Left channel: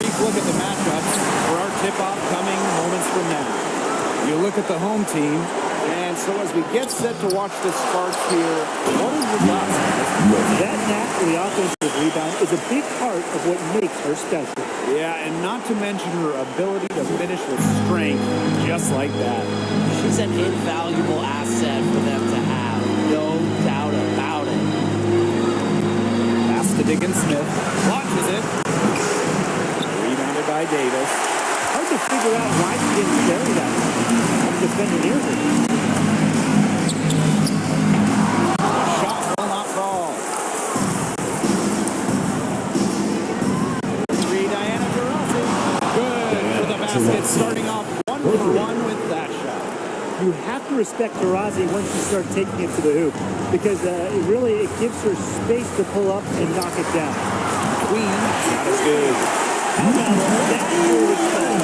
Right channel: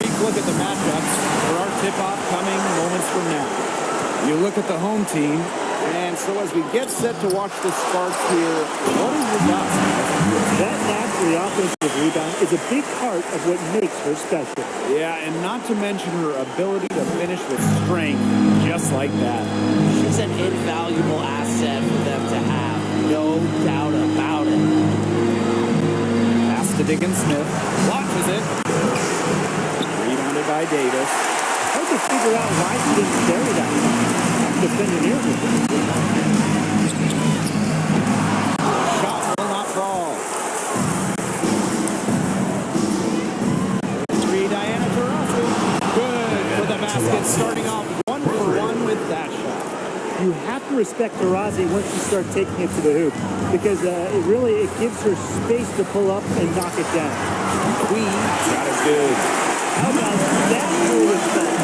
brief look at the matchups for our tip-off coming moments from now. You look at the home team, and so as we get set to watch the Sparks here, what are your thoughts, guys? That naturally offensive rebound is a big part of what makes her special. Yeah, and not to mention her ability to finish with strength, just like that. She's an invaluable asset for them to have, no doubt about it. Pass to Diggins-Smith, launches it. Rebounded by Davis. Hard to figure out why she didn't carry that one. Not defender near her. The shot will not fall. Three, Diana Taurasi. Good for the basket, starting off 1-for-1 with that shot. You have to respect Taurasi once you start taking it to the hoop, because it gives her space to pull up and knock it down. Queen, shot is good. How about that foolish foul?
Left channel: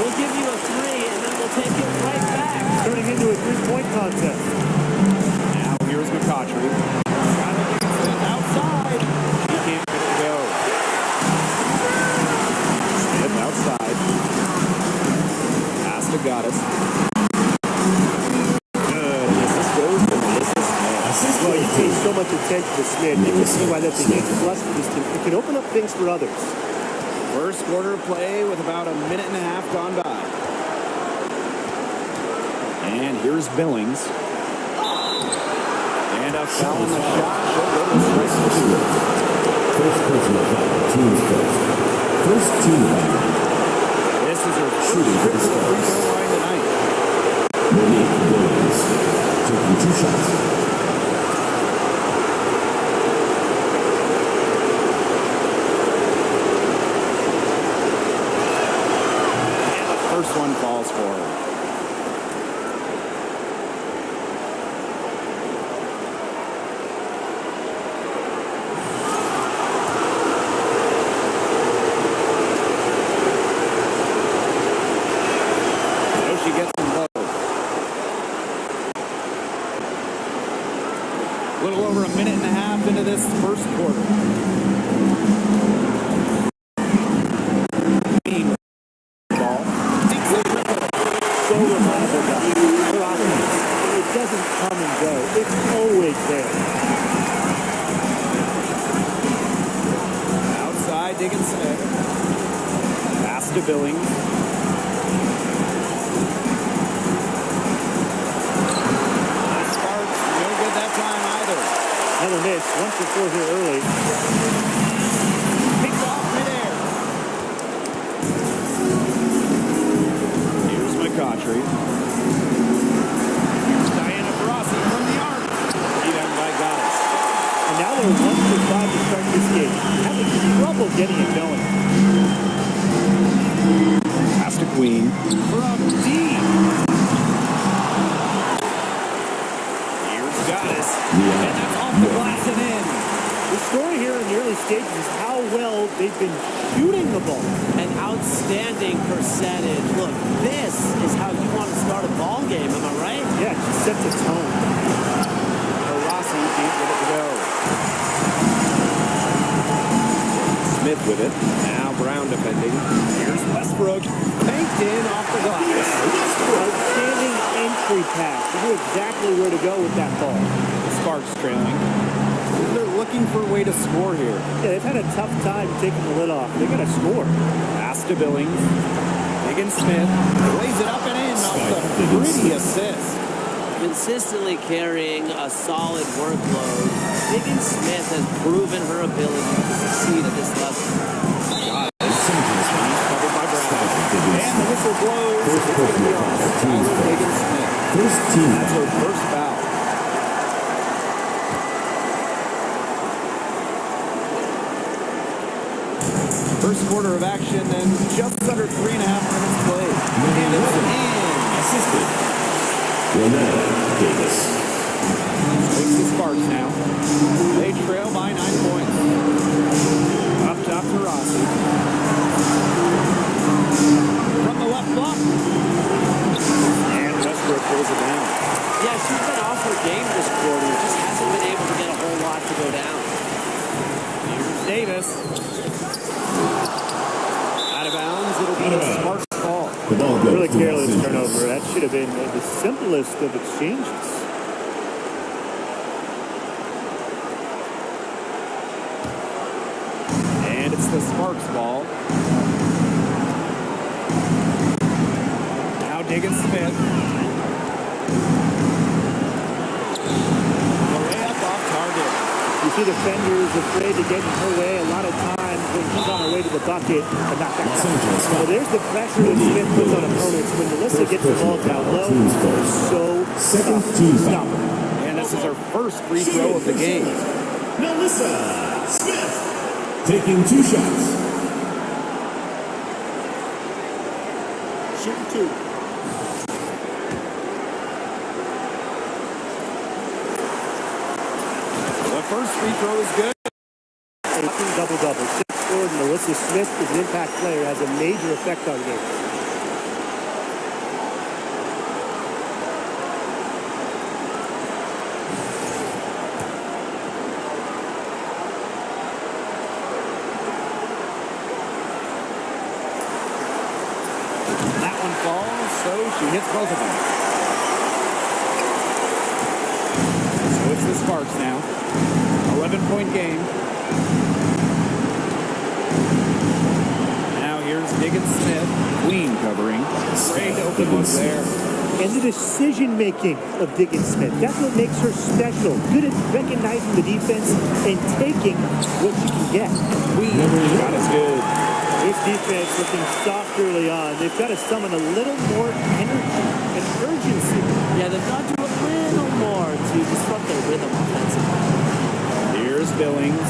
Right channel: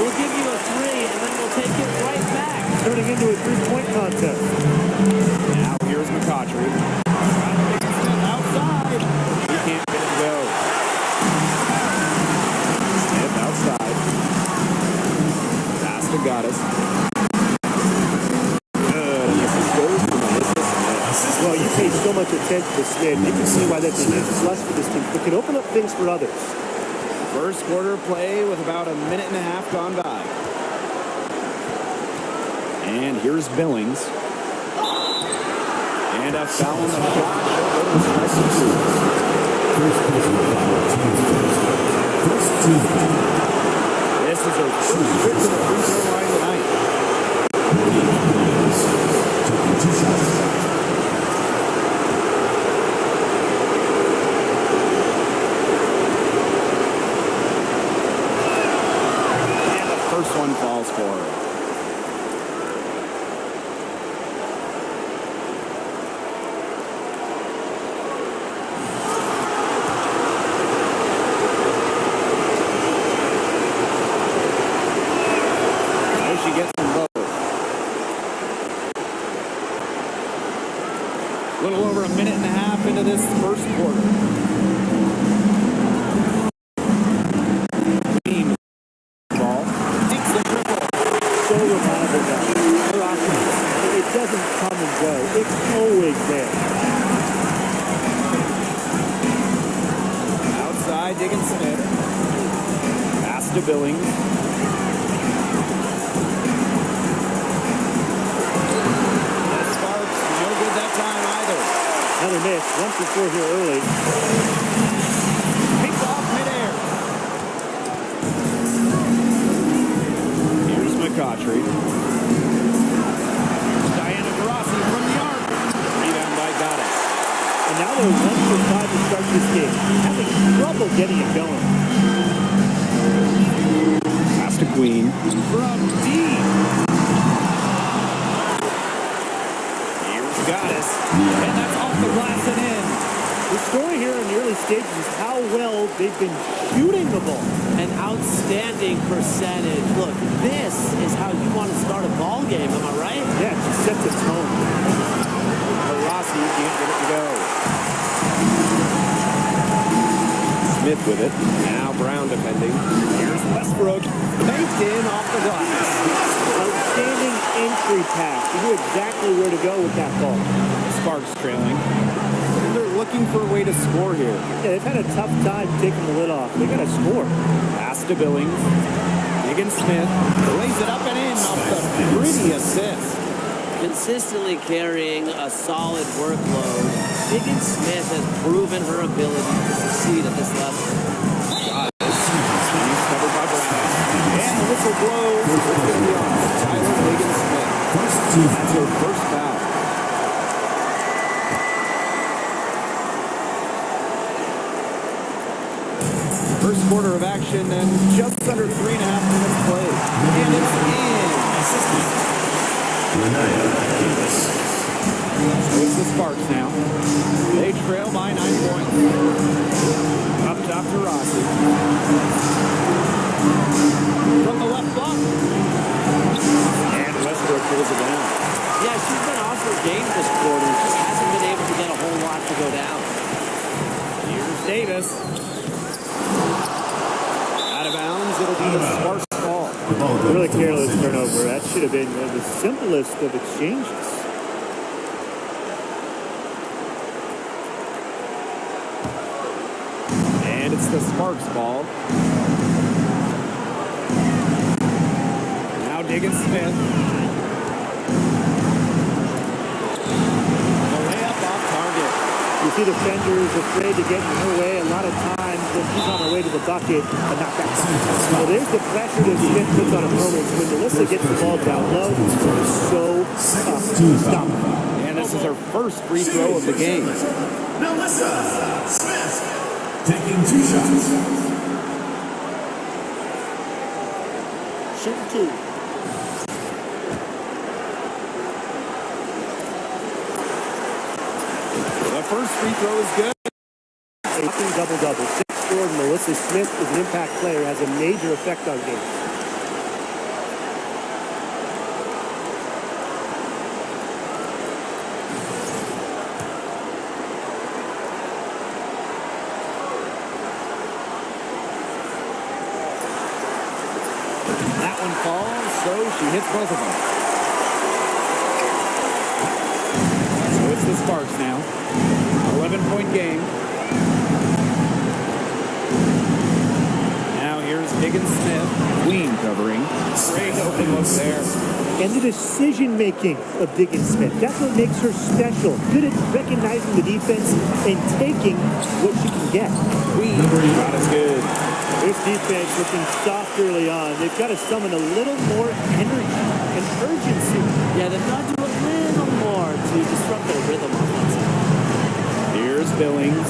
We'll give you a three, and then we'll take it right back. Turning into a three-point contest. Now here's McCautry. Skylar Diggins-Smith outside. He can't get it to go. Smith outside. Pass to Goddess. Good. And the assist goes to Melissa Smith. Well, you pay so much attention to Smith. You can see why that's a huge plus for this team. It can open up things for others. First quarter play with about a minute and a half gone by. And here's Billings. And a foul on the shot. She'll go to the strike and two. First personal foul, team's first. First team foul. This is her first trip to the free throw line tonight. Monique Billings taking 2 shots. First one falls for her. So she gets them both. A little over a minute and a half into this first quarter. So reliable guy. Her offense, it doesn't come and go. It's always there. Outside, Diggins-Smith. Pass to Billings. That Sparks, no good that time either. Another miss. 1 for 4 here early. Picked off midair. Here's McCautry. Here's Diana Taurasi from the arc. Rebound by Goddess. And now they're 1 for 5 to start this game. Having trouble getting it going. Pass to Queen. From deep. Here's Goddess. And that's off the glass and in. The story here in the early stages is how well they've been shooting the ball. An outstanding percentage. Look, this is how you want to start a ball game, am I right? Yeah, it just sets a tone. Taurasi can't get it to go. Smith with it. Now Brown defending. Here's Westbrook. Banked in off the glass. Outstanding entry pass. He knew exactly where to go with that ball. Sparks trailing. And they're looking for a way to score here. Yeah, they've had a tough time taking the lid off. They got to score. Pass to Billings. Diggins-Smith lays it up and in off the pretty assist. Consistently carrying a solid workload, Diggins-Smith has proven her ability to succeed at this level. She's covered by Brown. And the whistle blows. It's going to be on Skylar Diggins-Smith. That's her first foul. First quarter of action and just under 3.5 minutes played. And it's in. So it's the Sparks now. They trail by 9 points. Up top to Rossi. From the left block. And Westbrook pulls it down. Yeah, she's been off her game this quarter. Just hasn't been able to get a whole lot to go down. Here's Davis. it'll be the Sparks ball. The ball goes Really to careless Los turnover. Angeles. That should have been the simplest of exchanges. And it's the Sparks ball. Now Diggins Smith. The layup off target. You see defenders afraid to get in her way a lot of times when she's on her way to the bucket and knock that down. So there's the pressure that Smith puts on opponents when Melissa gets the ball down low. It's so tough to stop her. And this is her first free throw of the game. Melissa Smith taking 2 shots. Shooting 2. The first free throw is good. A fucking double-double. 6'4", Melissa Smith is an impact player, has a major effect on games. That one falls, so she hits both of them. So it's the Sparks now. 11-point game. Now here's Diggins Smith. Queen covering. Great open look there. And the decision-making of Diggins Smith. That's what makes her special. Good at recognizing the defense and taking what she can get. Queen shot is good. This defense looking soft early on. They've got to summon a little more energy and urgency. Yeah, they've got to do a little more to disrupt their rhythm offensively. Here's Billings.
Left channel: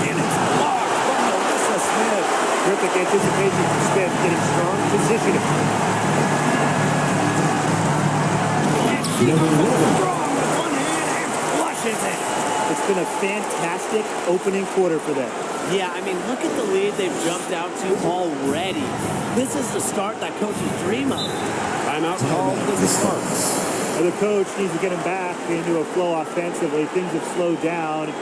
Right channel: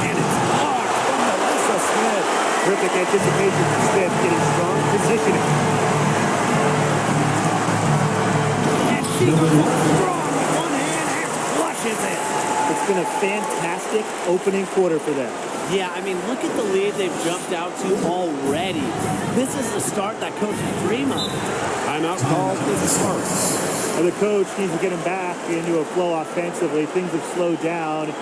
And it's blocked from Melissa Smith. Terrific anticipation from Smith, getting strong positioning. And she goes up strong with one hand and flushes it. It's been a fantastic opening quarter for them. Yeah, I mean, look at the lead they've jumped out to already. This is the start that coaches dream of. Timeout called to the Sparks. The coach needs to get them back into a flow offensively. Things have slowed down,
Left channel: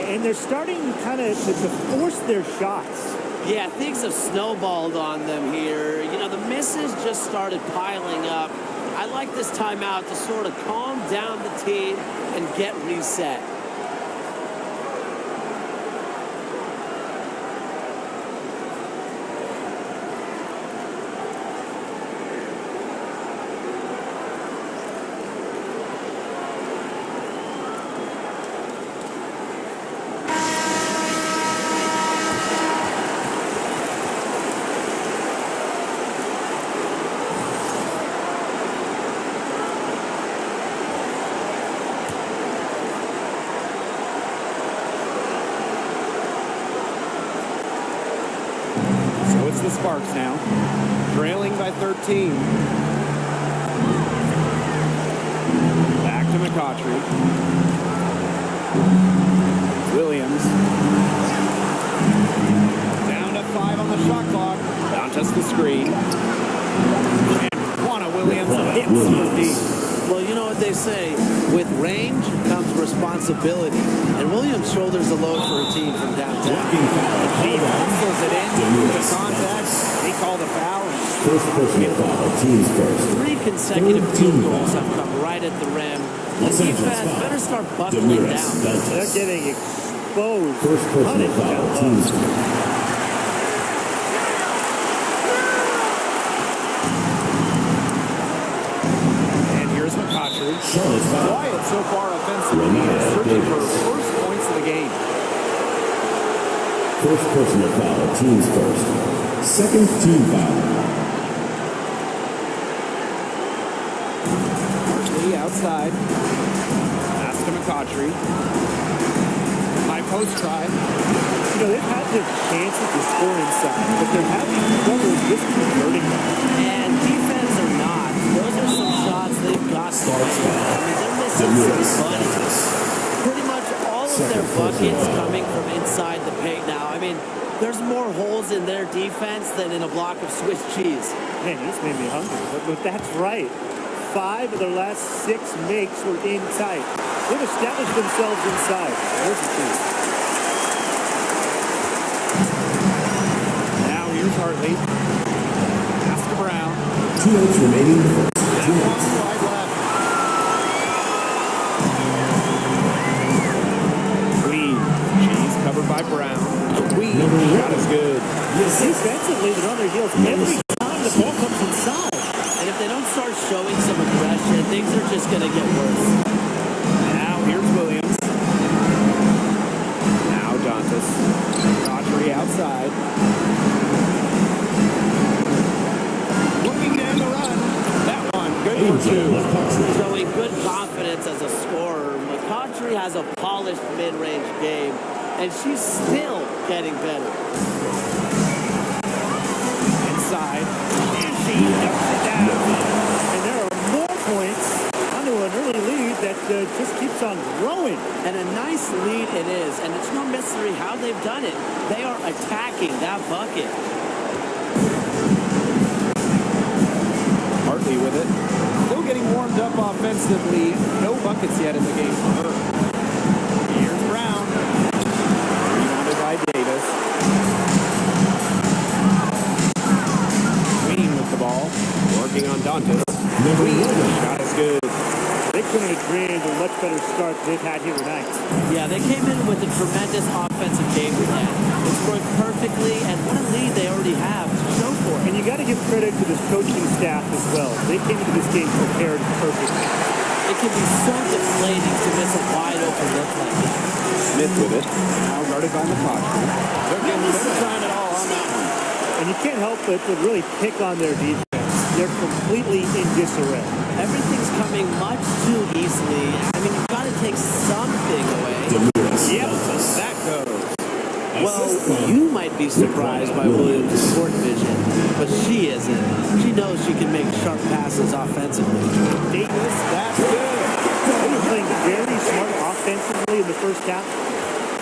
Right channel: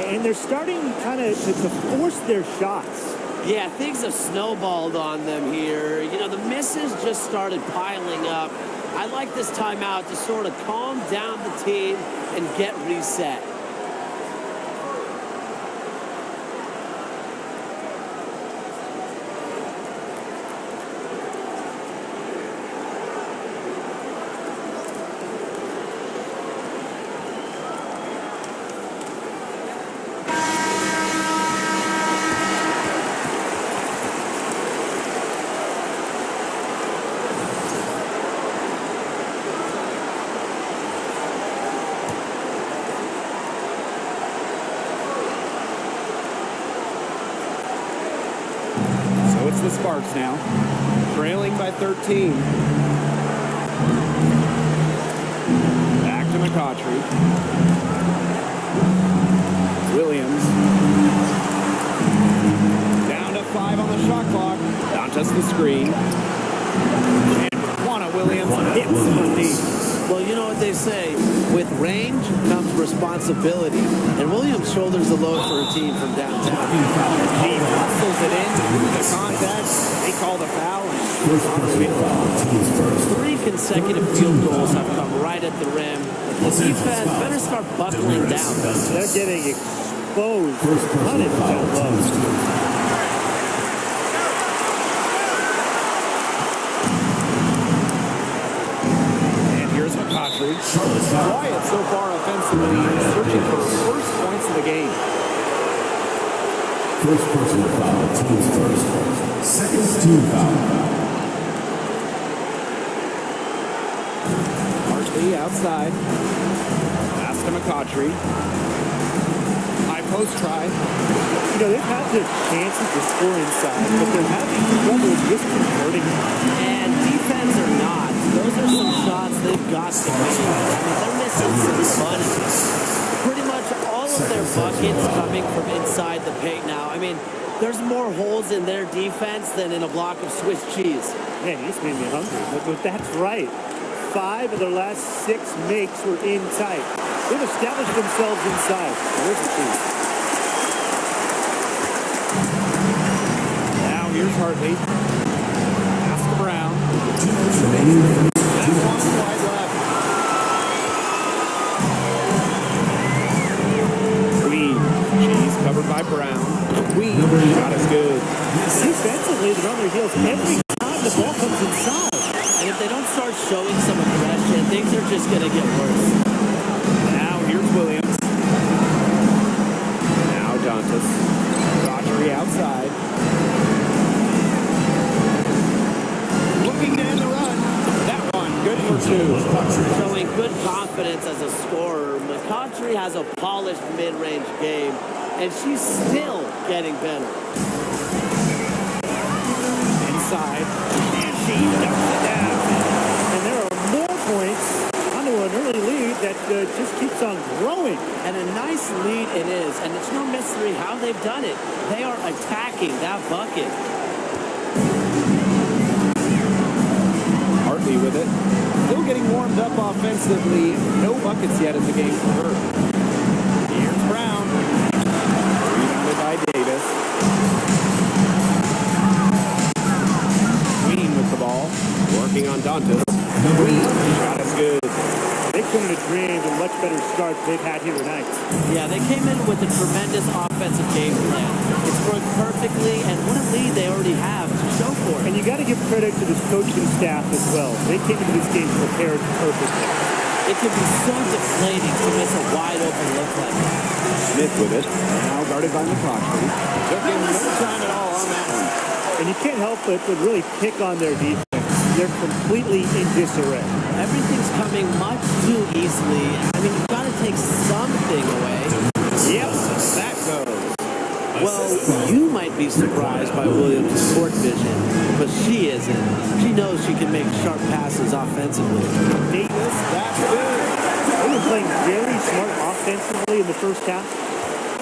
and they're starting kind of to force their shots. Yeah, things have snowballed on them here. You know, the misses just started piling up. I like this timeout to sort of calm down the team and get reset. So it's the Sparks now, trailing by 13. Back to McCautry. Williams. Down to 5 on the shot clock. Dantas the screen. And Juana Williams hits from deep. Well, you know what they say, with range comes responsibility, and Williams shoulders the load for her team from downtown. He hustles it in through the contact. They call the foul. And First personal foul, team's first. 3 consecutive field goals have come right at the rim. The defense better start buckling down. They're getting exposed, First personal punished down foul, low. team's first. here's McCautry. Charlotte's foul. Quiet so far offensively, searching for first points of the game. First personal foul, team's first. Second team foul. Hartley outside. Pass to McCautry. High post try. You know, they've had their chances to score inside, but they're having trouble just converting them. And defense or not, those are some shots they've got to make. I mean, they're missing some bunnies. Pretty much all of their buckets coming from inside the paint now. I mean, there's more holes in their defense than in a block of Swiss cheese. Man, you just made me hungry, but that's right. 5 of their last 6 makes were in tight. They've established themselves inside. Where's the 2? here's Hartley. Pass to Brown. 2 minutes remaining. That one wide left. Queen. She's covered by Brown. Queen. Shot is good. Defensively, they're on their heels every time the ball comes inside. And if they don't start showing some aggression, things are just going to get worse. Now here's Williams. Now Dantas. Rodri outside. Looking to end the run. That one, good for 2. Showing good confidence as a scorer. McCautry has a polished mid-range game, and she's still getting better. Inside. And she dumps it down. And there are more points onto an early lead that just keeps on growing. And a nice lead it is, and it's no mystery how they've done it. They are attacking that bucket. Hartley with it. Still getting warmed up offensively. No buckets yet in the game for her. Here's Brown. Rebounded by Davis. Queen with the ball. Working on Dantas. Queen. Shot is good. They couldn't have dreamed a much better start they've had here tonight. Yeah, they came in with a tremendous offensive game plan. It's worked perfectly, and what a lead they already have to show for it. And you got to give credit to this coaching staff as well. They came into this game prepared perfectly. It can be so deflating to miss a wide-open look like that. Smith with it. Now guarded by McCautry. Took him no time at all on that one. And you can't help but really pick on their defense. They're completely in disarray. Everything's coming much too easily. I mean, you've got to take something away. Yep, that goes. Well, you might be surprised by Williams' court vision, but she isn't. She knows she can make sharp passes offensively. Davis, that's good. They were playing very smart offensively in the first half.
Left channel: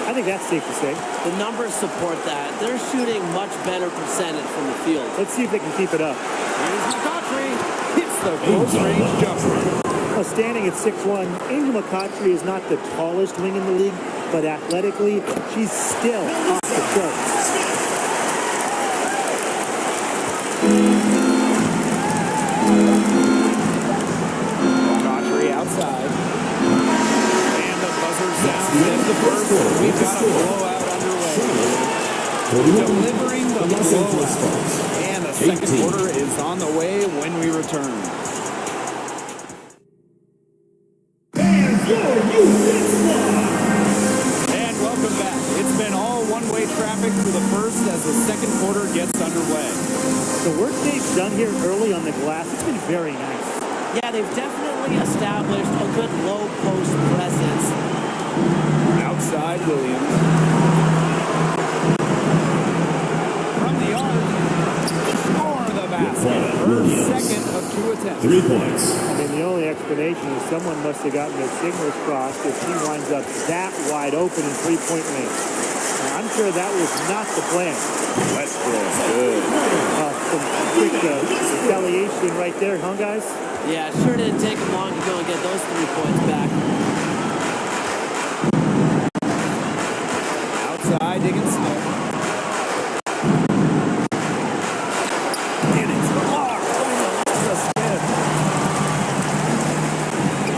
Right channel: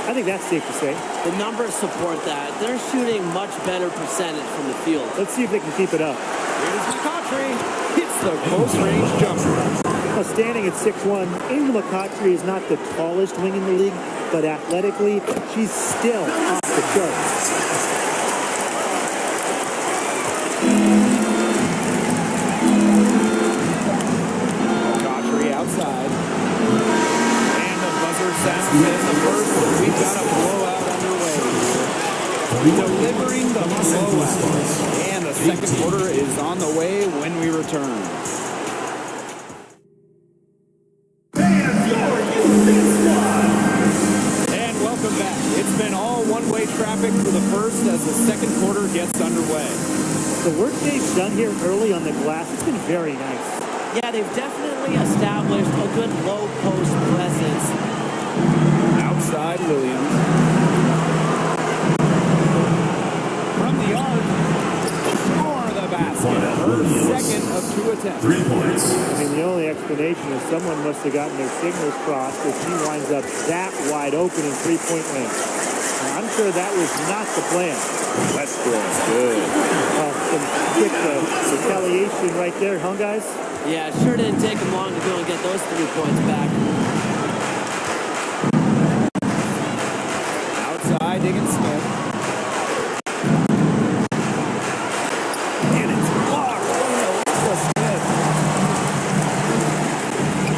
I think that's safe to say. The numbers support that. They're shooting much better percentage from the field. Let's see if they can keep it up. Here's McCautry. Hits the close-range jumper. Well, standing at 6'1", Angel McCautry is not the tallest wing in the league, but athletically, she's still off the charts. McCautry outside. And the buzzer sounds in the first. We've got a blowout underway here. Delivering the blowout. And the second quarter is on the way when we return. And welcome back. It's been all one-way traffic for the first as the second quarter gets underway. The work they've done here early on the glass, it's been very nice. Yeah, they've definitely established a good low post presence. Outside Williams. From the arc. Score the basket. Her second of 2 attempts. 3 points. I mean, the only explanation is someone must have gotten their signals crossed if she winds up that wide open in three-point range. Now, I'm sure that was not the plan. Westbrook, good. Some quick retaliation right there, huh, guys? Yeah, it sure didn't take them long to go and get those 3 points back. Outside, Diggins Smith. And it's blocked by Melissa Smith.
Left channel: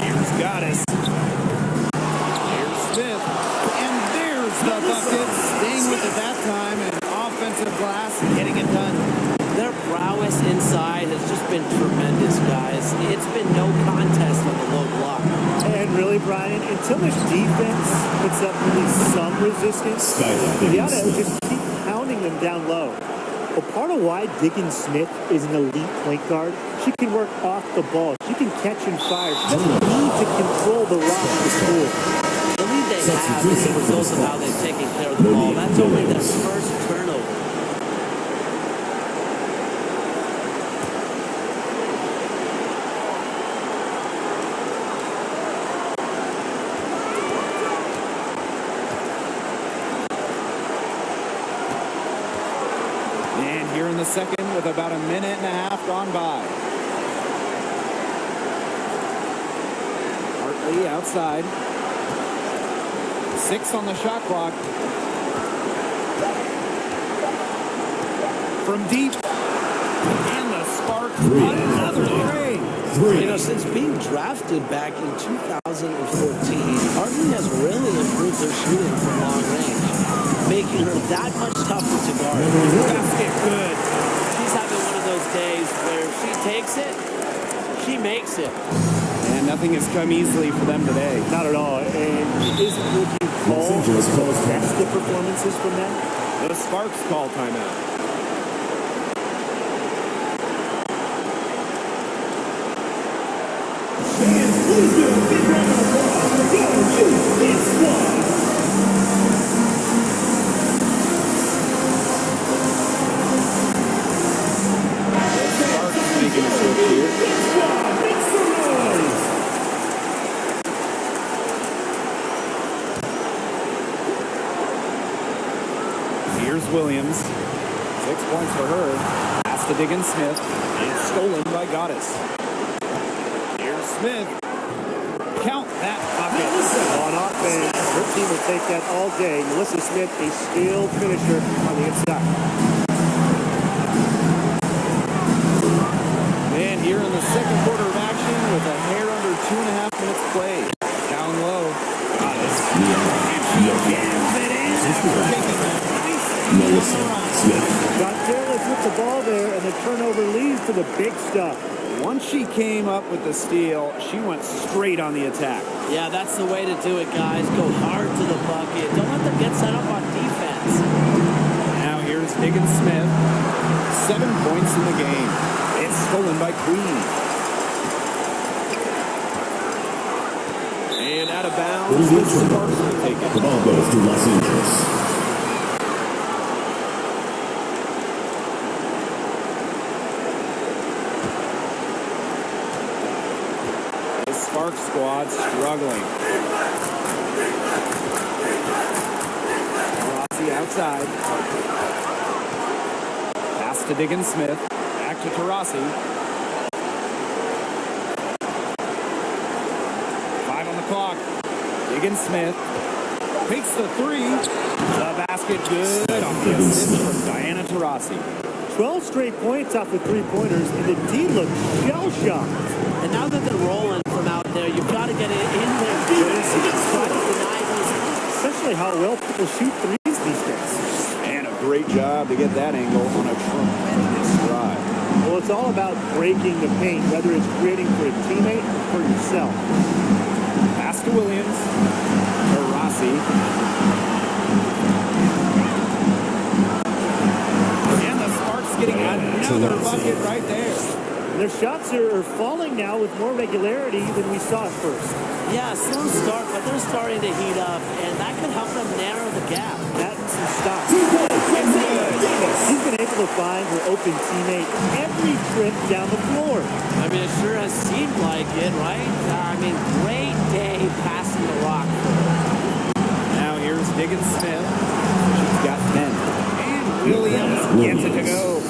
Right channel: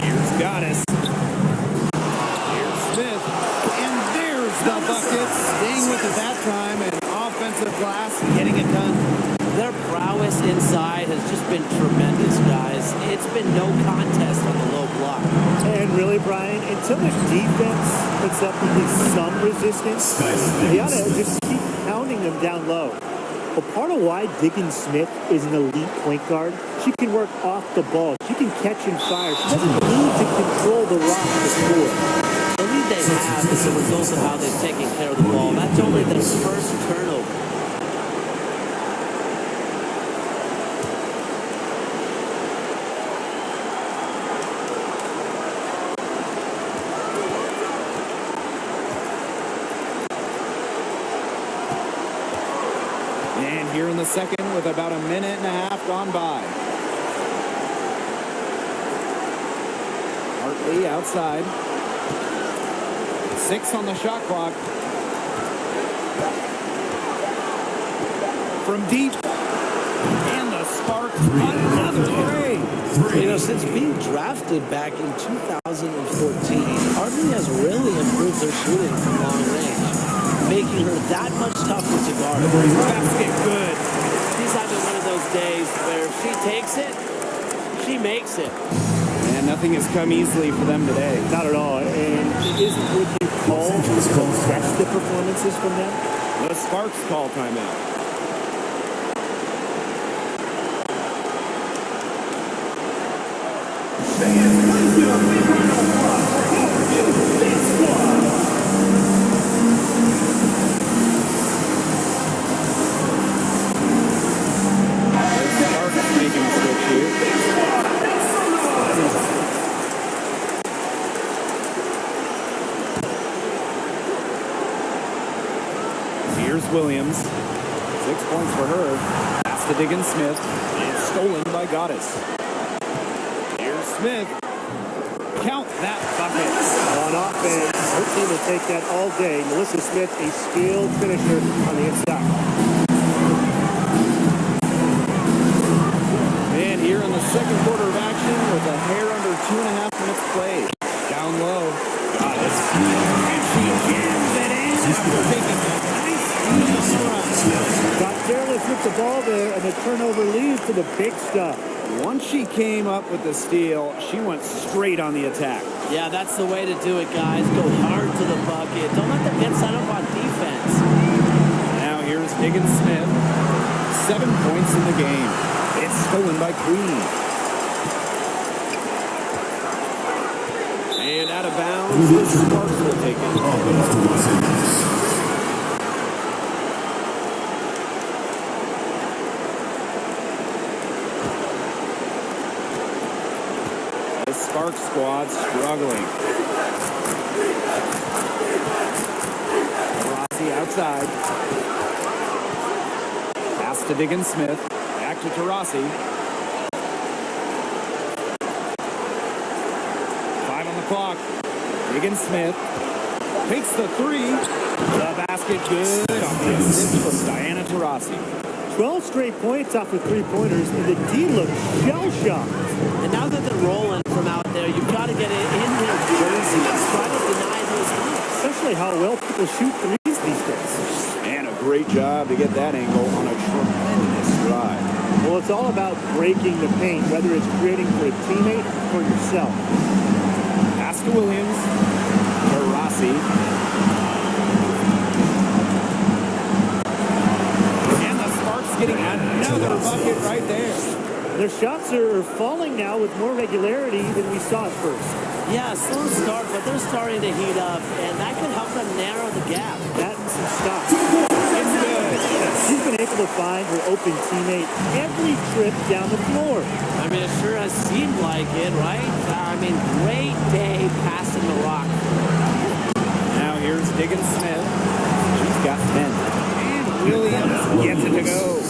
Here's Goddess. Here's Smith. And there's the bucket. Staying with it that time. And offensive glass and getting it done. Their prowess inside has just been tremendous, guys. It's been no contest on the low block. And really, Brian, until the defense puts up at least some resistance, they ought to just keep pounding them down low. Well, part of why Diggins Smith is an elite point guard, she can work off the ball. She can catch and fire. She doesn't need to control the rock to score. The lead they have is the result of how they've taken care of the ball. That's only their first turnover. And here in the second with about a minute and a half gone by. Hartley outside. 6 on the shot clock. from deep. And the Sparks, another three. You know, since being drafted back in 2014, Hardly has really improved their shooting from long range, making her that much tougher to guard. Basket good. She's having one of those days where if she takes it, she makes it. And nothing has come easily for them today. Not at all. And isn't what you call the best of performances from them? The Sparks call timeout. Please give a big round of applause for WNBA. The Sparks making a switch here. Make some noise. Here's Williams. 6 points for her. Pass to Diggins Smith. It's stolen by Goddess. Here's Smith. Count that bucket. On offense, her team will take that all day. Melissa Smith, a skilled finisher on the inside. And here in the second quarter of action with a hair under 2.5 minutes played. Down low. Goddess. And she jams it in after taking a nice steal on the run. Got careless with the ball there, and the turnover leads to the big stuff. Once she came up with the steal, she went straight on the attack. Yeah, that's the way to do it, guys. Go hard to the bucket. Don't let them get set up on defense. Now here's Diggins Smith. 7 points in the game. It's stolen by Queen. And out of bounds, the Sparks will take it. The ball goes to Los Angeles. This Sparks squad struggling. Tarasi outside. Pass to Diggins Smith. Back to Tarasi. 5 on the clock. Diggins Smith takes the three. The basket good on the assist from Diana Taurasi. 12 straight points off of three-pointers, and the D looks shell-shocked. And now that they're rolling from out there, you've got to get it in their jersey and try to deny those looks. Especially how well people shoot threes these days. And a great job to get that angle on a tremendous drive. Well, it's all about breaking the paint, whether it's creating for a teammate or for yourself. Pass to Williams. Taurasi. And the Sparks getting another bucket right there. And their shots are falling now with more regularity than we saw at first. Yeah, slow start, but they're starting to heat up, and that could help them narrow the gap. That and some stops. It's good. She's been able to find her open teammate every trip down the floor. I mean, it sure has seemed like it, right? I mean, great day passing the rock for her. Now here's Diggins Smith. She's got 10. And Williams gets it to go.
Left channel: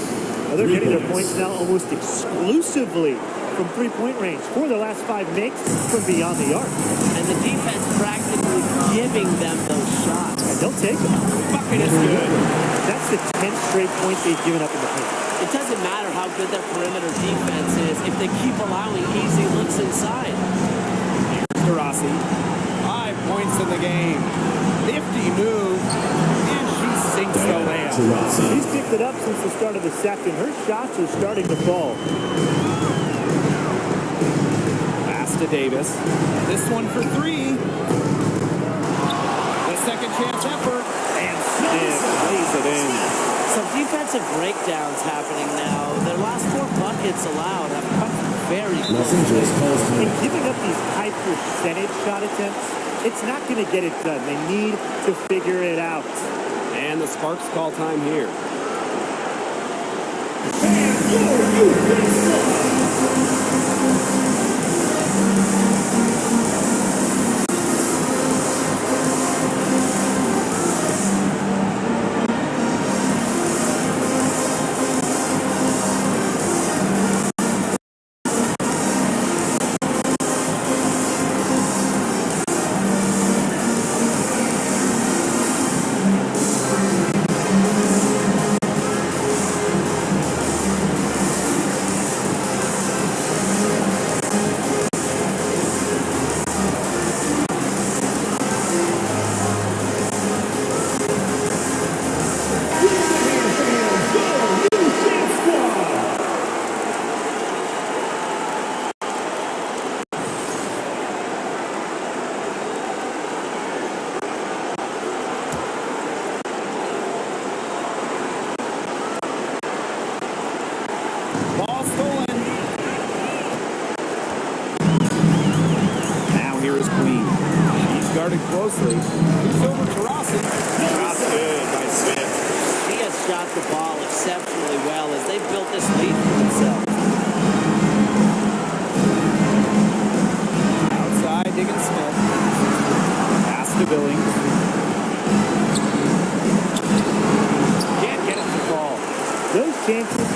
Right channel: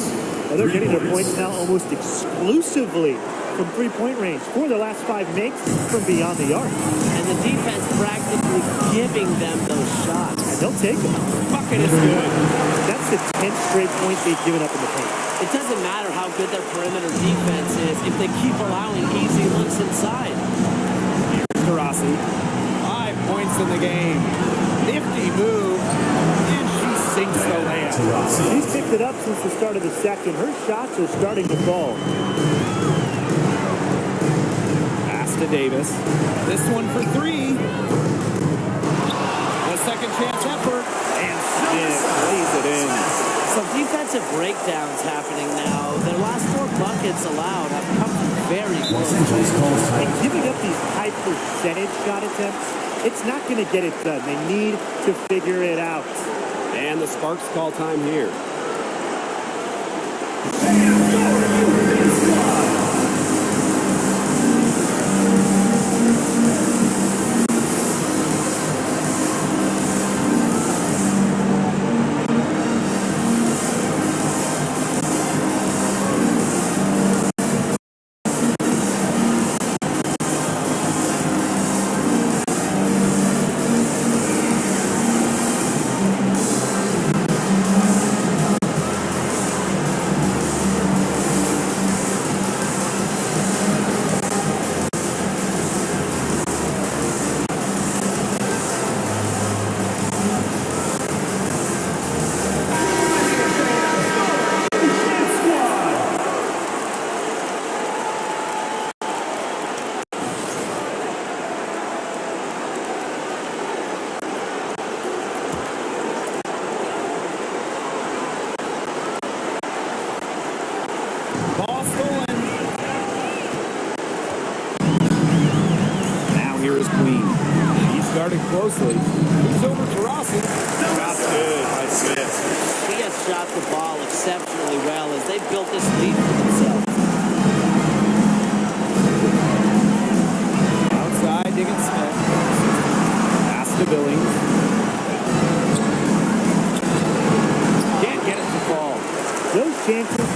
Well, they're getting their points now almost exclusively from three-point range. 4 of their last 5 makes from beyond the arc. And the defense practically giving them those shots. And they'll take them. Bucket is good. That's the 10th straight point they've given up in the paint. It doesn't matter how good their perimeter defense is if they keep allowing easy looks inside. Here's Taurasi. 5 points in the game. Nifty move. And she sinks the layup. She's picked it up since the start of the second. Her shots are starting to fall. Pass to Davis. This one for 3. The second chance effort. And Smith lays it in. Some defensive breakdowns happening now. Their last 4 buckets allowed have come very close. And giving up these high percentage shot attempts, it's not going to get it done. They need to figure it out. And the Sparks call time here. guarded closely. Moves over to Rossi. Shot's good by Smith. He has shot the ball exceptionally well as they built this lead for themselves. Outside, Diggins Smith. Pass to Billings. Can't get it to fall. Those chances,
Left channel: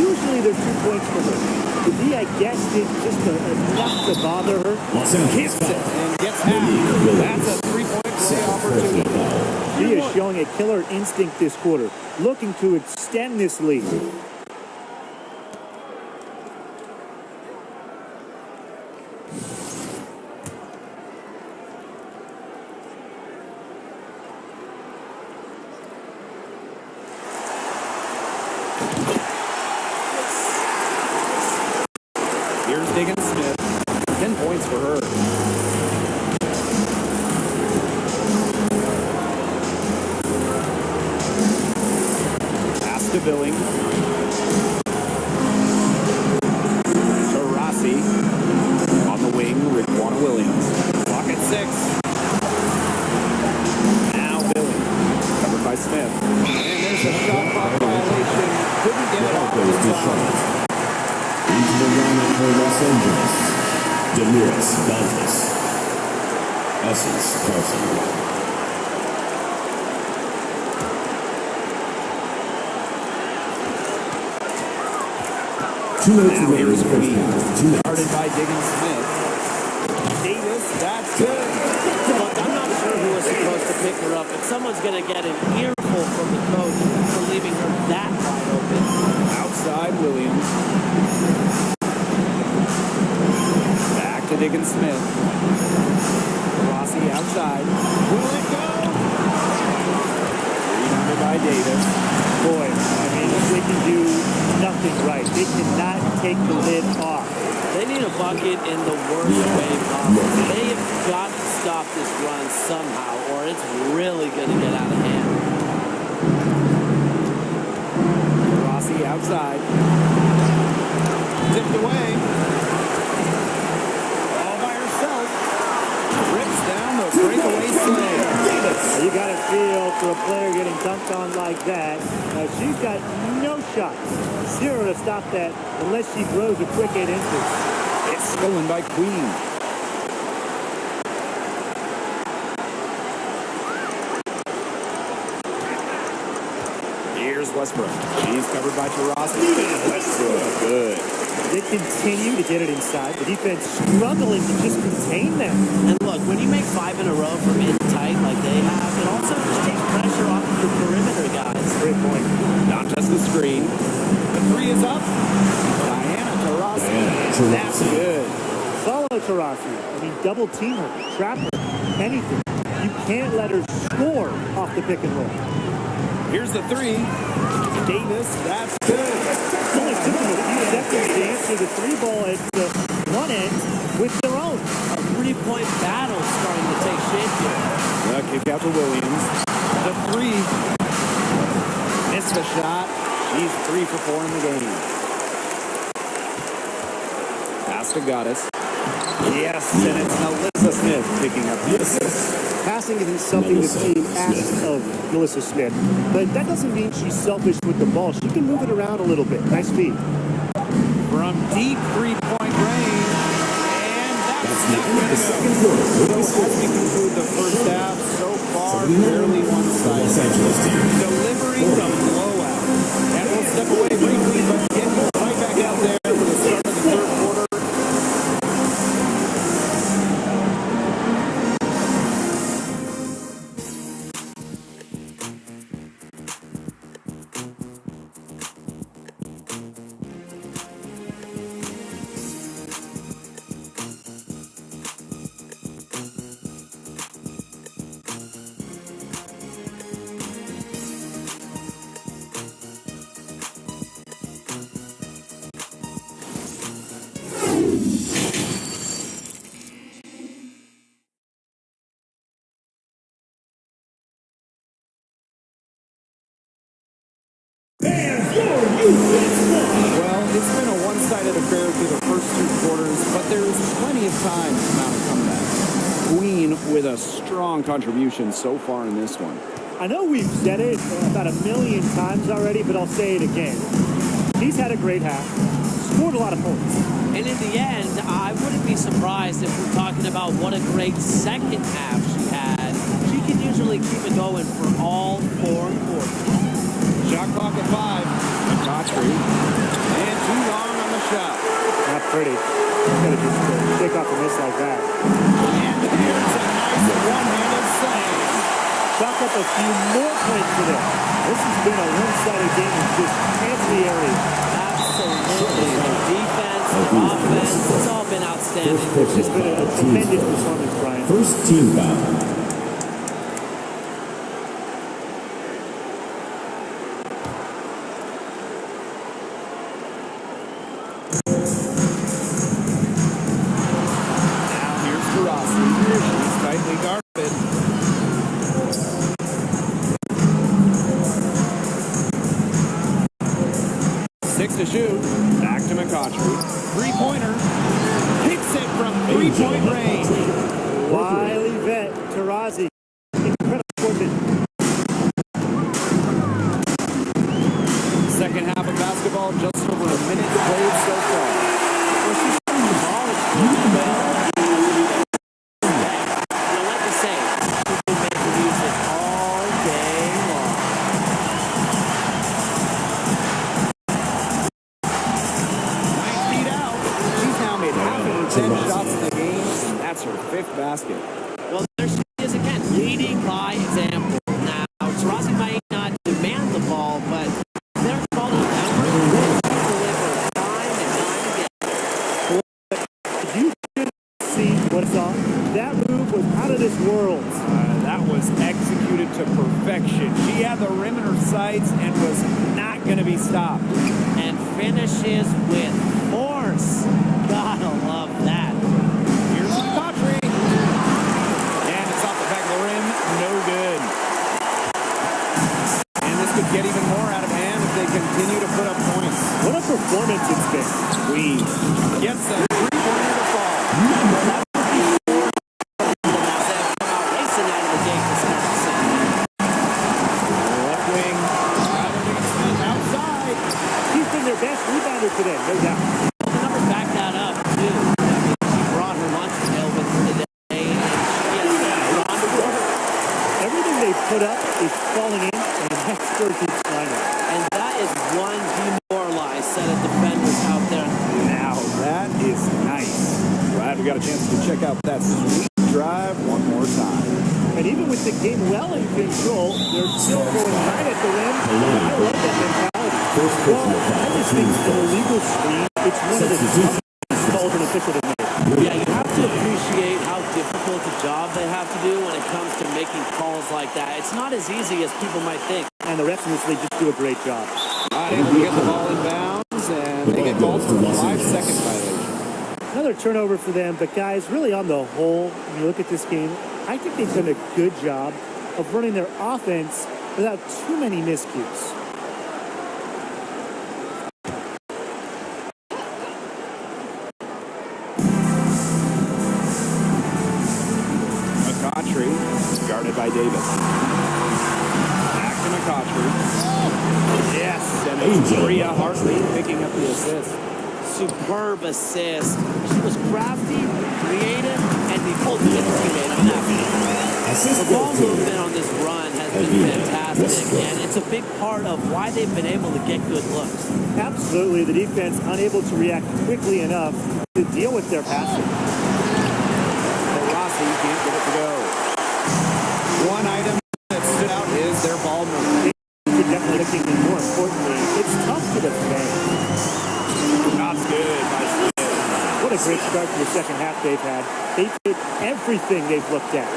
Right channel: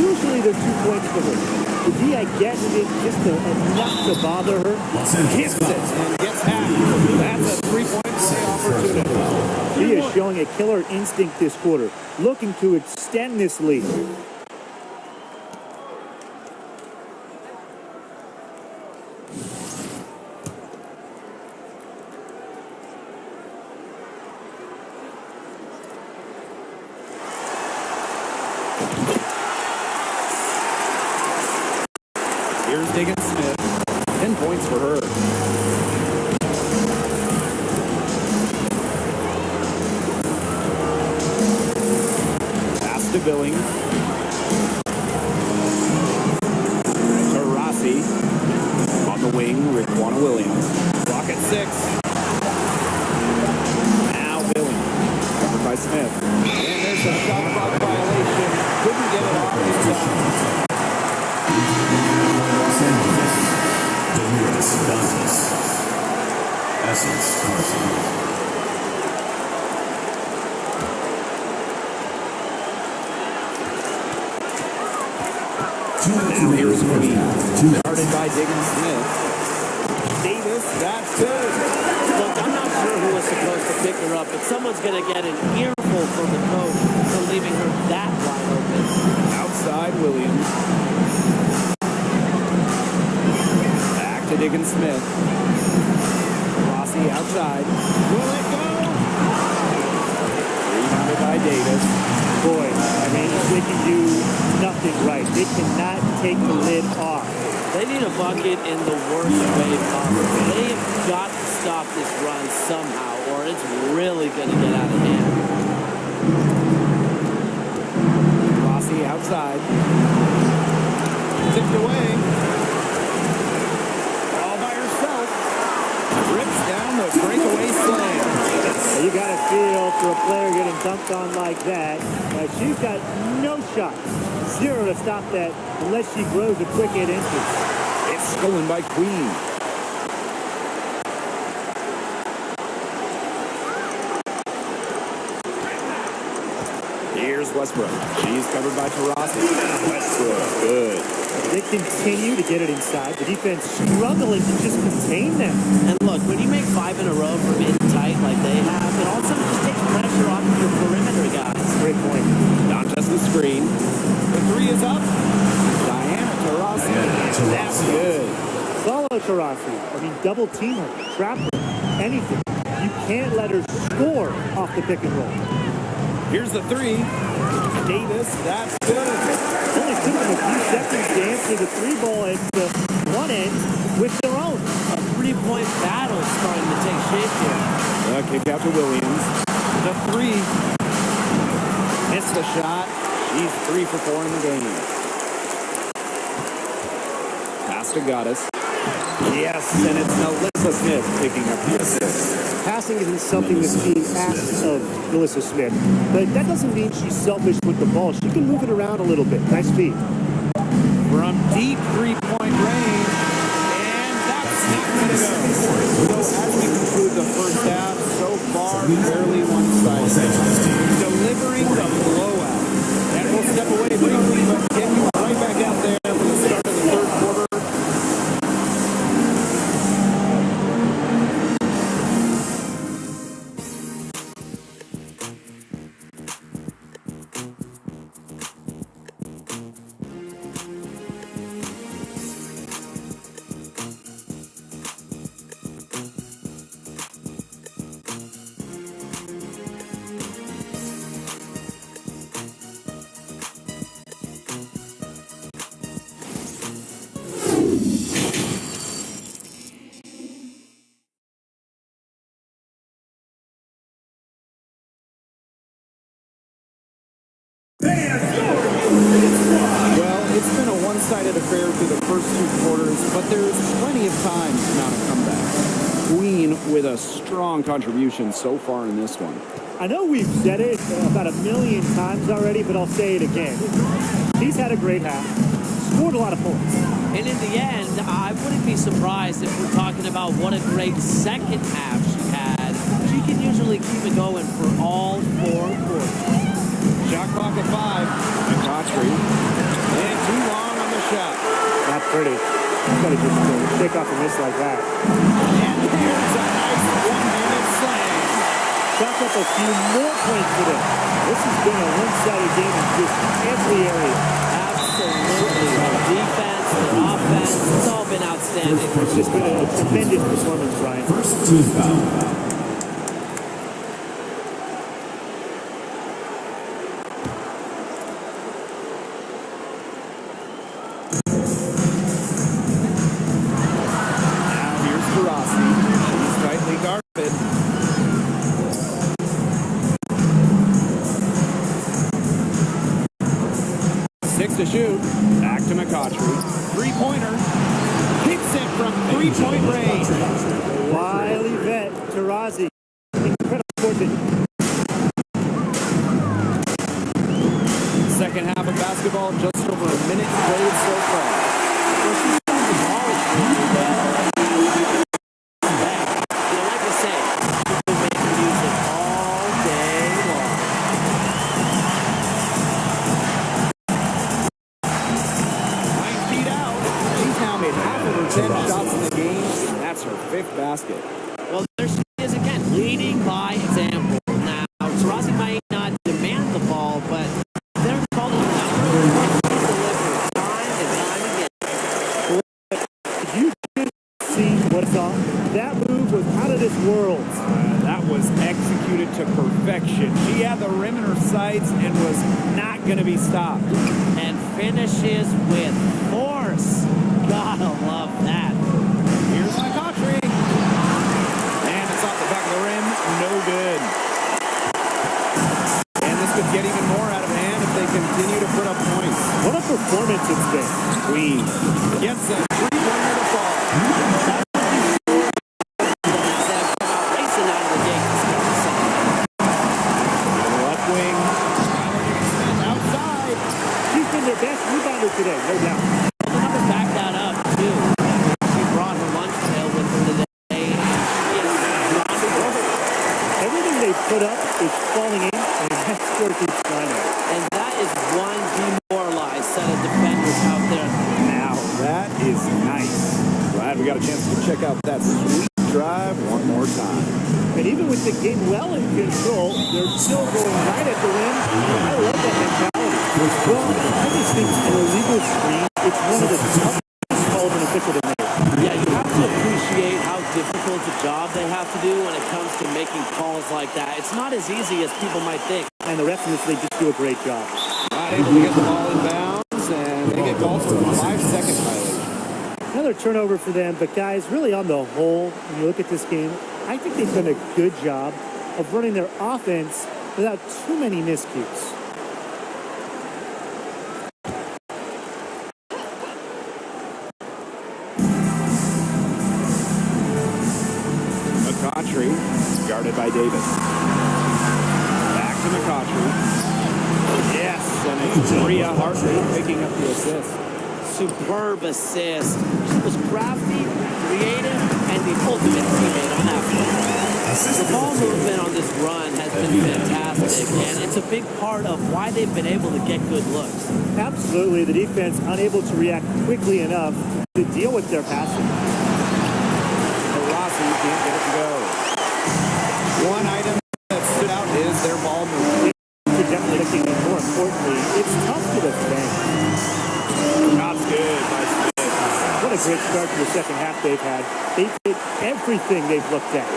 usually they're 2 points for her. The D, I guess, did just enough to bother her. Hits it and gets half. That's a three-point play opportunity. She is showing a killer instinct this quarter, looking to extend this lead. Here's Diggins Smith. 10 points for her. Pass to Billings. To Rossi. On the wing, Raquana Williams. Clock at 6. Now Billings. Covered by Smith. And there's a shot clock violation. Couldn't get it off in time. Los Angeles, Demiris Dantas, Essence Carson. Now here's Queen, guarded by Diggins Smith. Davis, that's good. Look, I'm not sure who was supposed to pick her up, but someone's going to get an earful from the coach for leaving her that wide open. Outside, Williams. Back to Diggins Smith. Rossi outside. Will it go? Rebounded by Davis. Boy, I mean, they can do nothing right. They cannot take the lid off. They need a bucket in the worst way possible. They have got to stop this run somehow, or it's really going to get out of hand. Rossi outside. Tipped away. All by herself. Rips down the breakaway slam. You got to feel for a player getting dunked on like that. She's got no shot. Zero to stop that unless she grows a quick 8 inches. It's stolen by Queen. Here's Westbrook. She's covered by Taurasi. Westbrook, good. They continue to get it inside. The defense struggling to just contain them. And look, when you make 5 in a row from in tight like they have, it also just takes pressure off of your perimeter guys. Great point. Not just the screen. The three is up. Diana Taurasi. That's good. Follow Taurasi. I mean, double team her, trap her, anything. You can't let her score off the pick and roll. Here's the three. Davis, that's good. Only took them a few seconds to answer the three ball at one end with their own. A three-point battle starting to take shape here. The kick out to Williams. The three. Missed the shot. She's 3 for 4 in the game. Pass to Goddess. Yes, and it's Melissa Smith picking up the assist. Passing isn't something this team asks of Melissa Smith, but that doesn't mean she's selfish with the ball. She can move it around a little bit. Nice feed. From deep three-point range, and that's not going to go. So as we conclude the first half, so far, fairly one-sided. Delivering the blowout. And we'll step away briefly, but get you right back out there for the start of the third quarter. Well, it's been a one-sided affair through the first 2 quarters, but there's plenty of time to mount a comeback. Queen with a strong contribution so far in this one. I know we've said it about a million times already, but I'll say it again. He's had a great half, scored a lot of points. And in the end, I wouldn't be surprised if we're talking about what a great second half she had. She can usually keep it going for all 4 quarters. Shot clock at 5. McCautry. And too long on the shot. Not pretty. You gotta just shake off a miss like that. And there's a nice one-handed slam. Chalk up a few more points for them. This has been a one-sided game in just every area. Absolutely. Their defense, their offense, it's all been outstanding. It's just been a tremendous performance, Brian. First team foul. She's tightly guarded. 6 to shoot. Back to McCautry. Three-pointer. Hits it from three-point range. Wily vet, Taurasi. Incredible court vision. Second half of basketball, just over a minute played so far. Well, she's shooting the ball really well, as we expect. You know, like I say, she's been making music all day long. 9 feet out. She's now made half of her 10 shots in the game, and that's her 5th basket. Well, there she is again, leading by example. Now, Taurasi might not demand the ball, but they're calling her number, and she's delivered time and time again. Did you just see what I saw? That move was out of this world. That was executed to perfection. She had the rim in her sights and was not going to be stopped. And finishes with force. Gotta love that. Here's McCautry. And it's off the back of the rim. No good. And this could get even more out of hand if they continue to put up points. What a performance it's been. Queen gets a three-pointer to fall. That would be four of them as they have come out racing out of the gate to start the second half. Left wing. Skylar Diggins-Smith outside. She's been their best rebounder today, no doubt. Well, the numbers back that up, too. I mean, she brought her lunch pail with her today, and she has gone to work. Everything they put up is falling in, and that score keeps climbing. And that is one demoralized set of defenders out there. Now that is nice. Glad we got a chance to check out that sweet drive one more time. And even with the game well in control, they're still going right at the rim. I love that mentality. Well, I just think an illegal screen, it's one of the toughest calls an official to make. Yeah, you have to appreciate how difficult a job they have to do when it comes to making calls like that. It's not as easy as people might think. And the refs in this league just do a great job. Not able to get the ball in bounds, and they get called for a 5-second violation. Another turnover for them, but guys, really on the whole, when you look at this game, I think they've done a good job of running their offense without too many miscues. McCautry is guarded by Davis. Back to McCautry. Yes, and it's Bria Hartley picking up the assist. Superb assist. She was crafty, creative, and the ultimate teammate on that play. The ball movement on this run has been fantastic, and it's a big part of why they've been able to get good looks. Absolutely, the defense unable to react quickly enough to deal with their passing. Rossi can't get it to go. One item that stood out is their ball movement. They're definitely looking, and more importantly, it's tough to defend. Shot's good by Smith. What a great start to the second half they've had. They've hit everything they've looked at.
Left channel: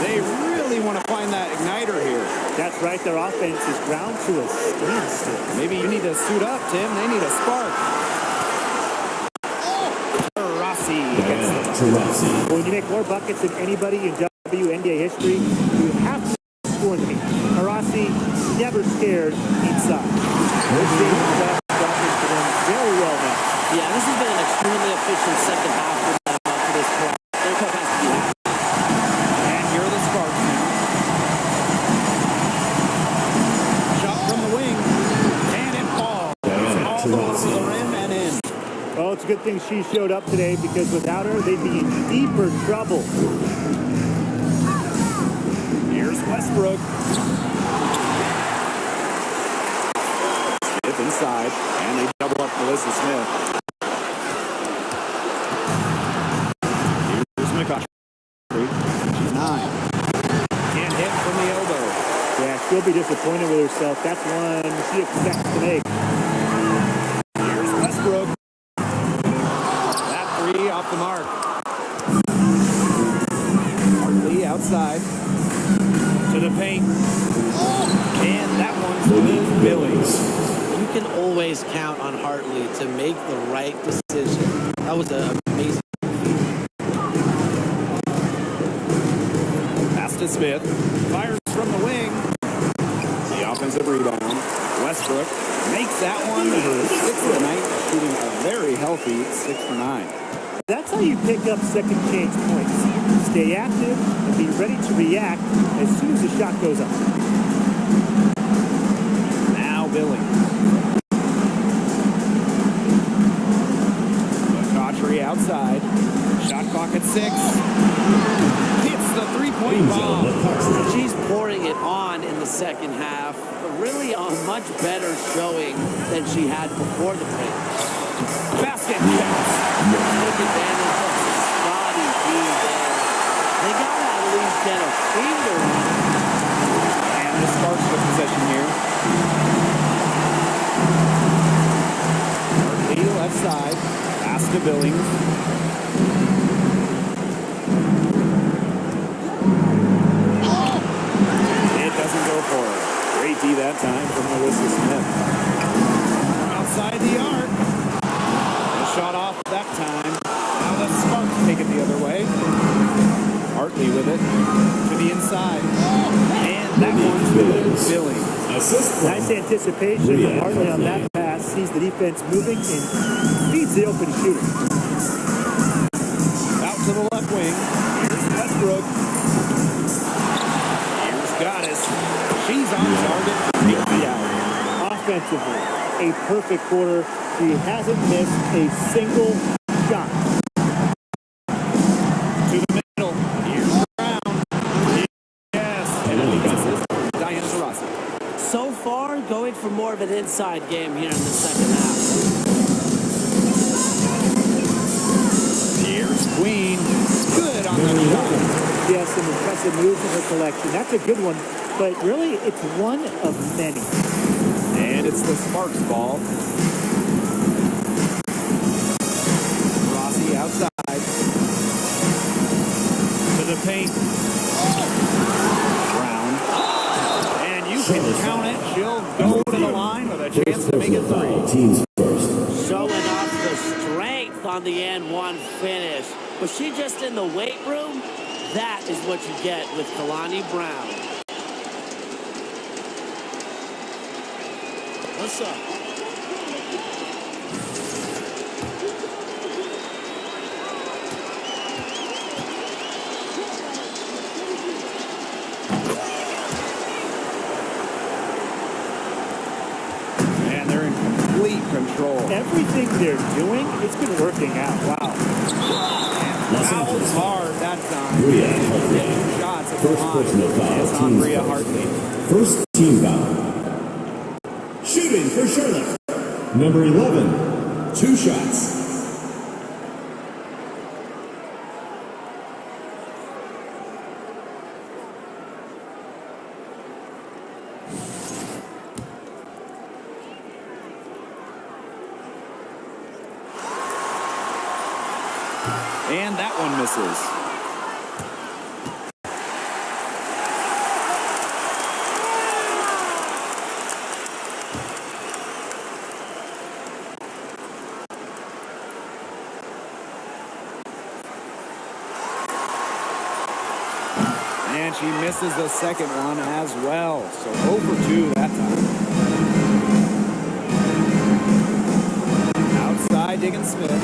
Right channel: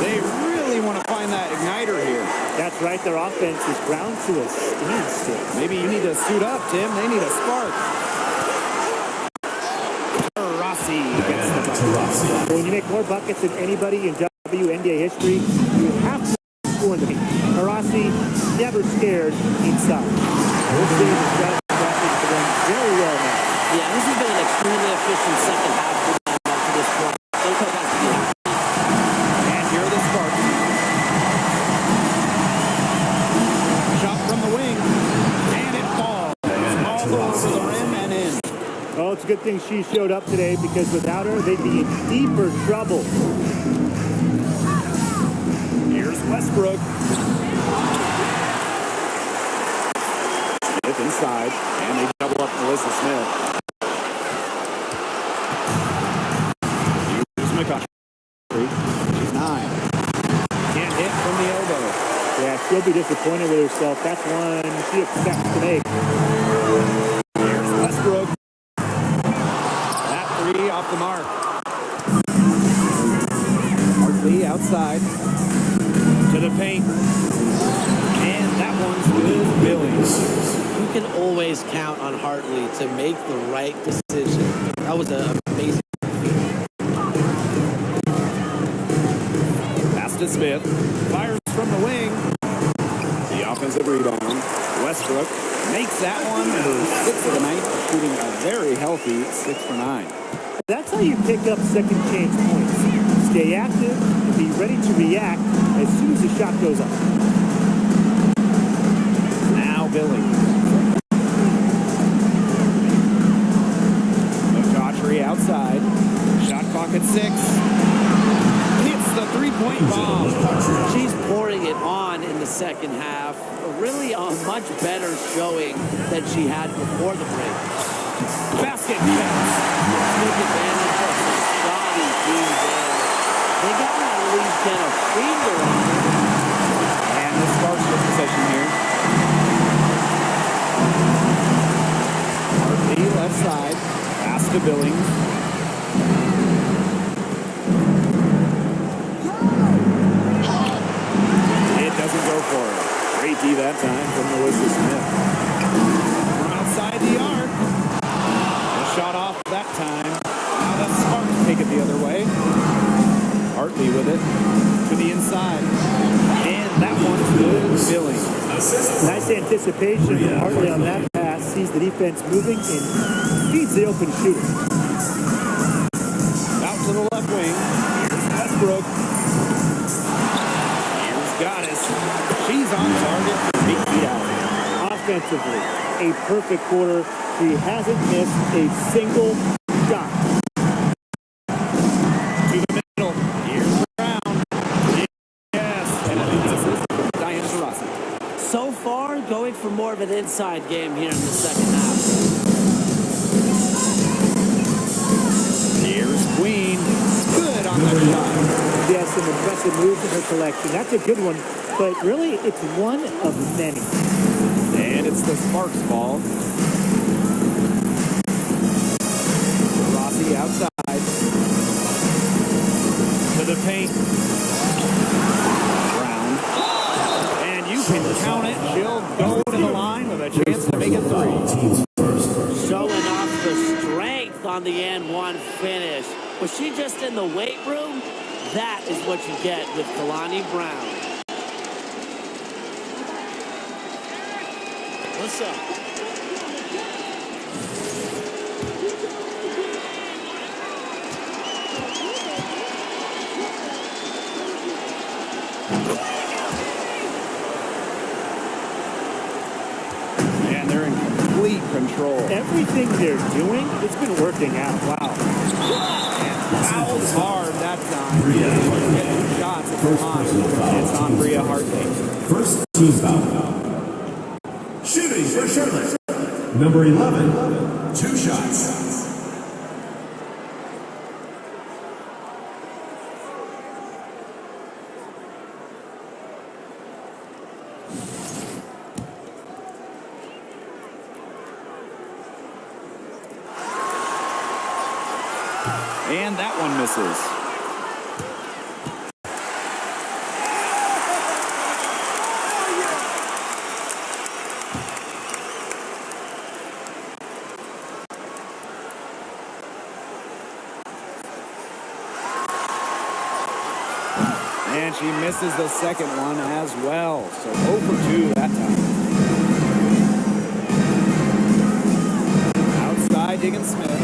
They really want to find that igniter here. That's right, their offense is ground to a standstill. Maybe you need to suit up, Tim. They need a spark. Rossi gets the bucket. When you make more buckets than anybody in WNBA history, you have to score in the paint. Taurasi never scared inside. This game is just dropping for them very well now. Yeah, this has been an extremely efficient second half for them up to this point. Their coach has to be happy. And here are the Sparks now. Shot from the wing, and it falls all over the rim and in. Oh, it's a good thing she showed up today because without her, they'd be in deeper trouble. Here's Westbrook. Smith inside, and they double up Melissa Smith. Here's McCutcheon. She's 9. Can't hit from the elbow. Yeah, she'll be disappointed with herself. That's one she expects to make. Here's Westbrook. That 3 off the mark. Hartley outside to the paint. And that one's good. Billings. You can always count on Hartley to make the right decision. That was an amazing Pass to Smith. Fires from the wing. The offensive rebound. Westbrook makes that one her 6th of the night, shooting a very healthy 6 for 9. That's how you pick up second chance points. Stay active and be ready to react as soon as the shot goes up. Now Billings. McCautry outside. Shot clock at 6. Hits the three-point bomb. She's pouring it on in the second half. Really a much better showing than she had before the break. Basket pass. Took advantage of the shoddy team there. They got to at least get a finger on her. And the Sparks with possession here. Hartley left side. Pass to Billings. It doesn't go for her. Great D that time from Melissa Smith. From outside the arc. A shot off that time. Now the Sparks take it the other way. Hartley with it to the inside. And that one's good. Billings. Nice anticipation from Hartley on that pass. Sees the defense moving and feeds the open shooter. Out to the left wing. Here's Westbrook. Here's Goddess. She's on target from 8 feet out. Offensively, a perfect quarter. She hasn't missed a single shot. To the middle. Here's Brown. Yes. And a deep assist from Diana Taurasi. So far, going for more of an inside game here in the second half. Here's Queen. Good on the shot. She has some impressive moves in her collection. That's a good one, but really it's one of many. And it's the Sparks ball. Rossi outside. To the paint. Brown. And you can count it. She'll go to the line with a chance to make it 3. Showing off the strength on the N1 finish. Was she just in the weight room? That is what you get with Kalani Brown. What's up? Man, they're in complete control. Everything they're doing, it's been working out. Wow. And fouled hard that time. And she'll get 2 shots at the line. It's on Bria Hartley. First team foul. Shooting for Charlotte. Number 11, 2 shots. And that one misses. And she misses the second one as well. So 0 for 2 that time. Outside, Diggins Smith.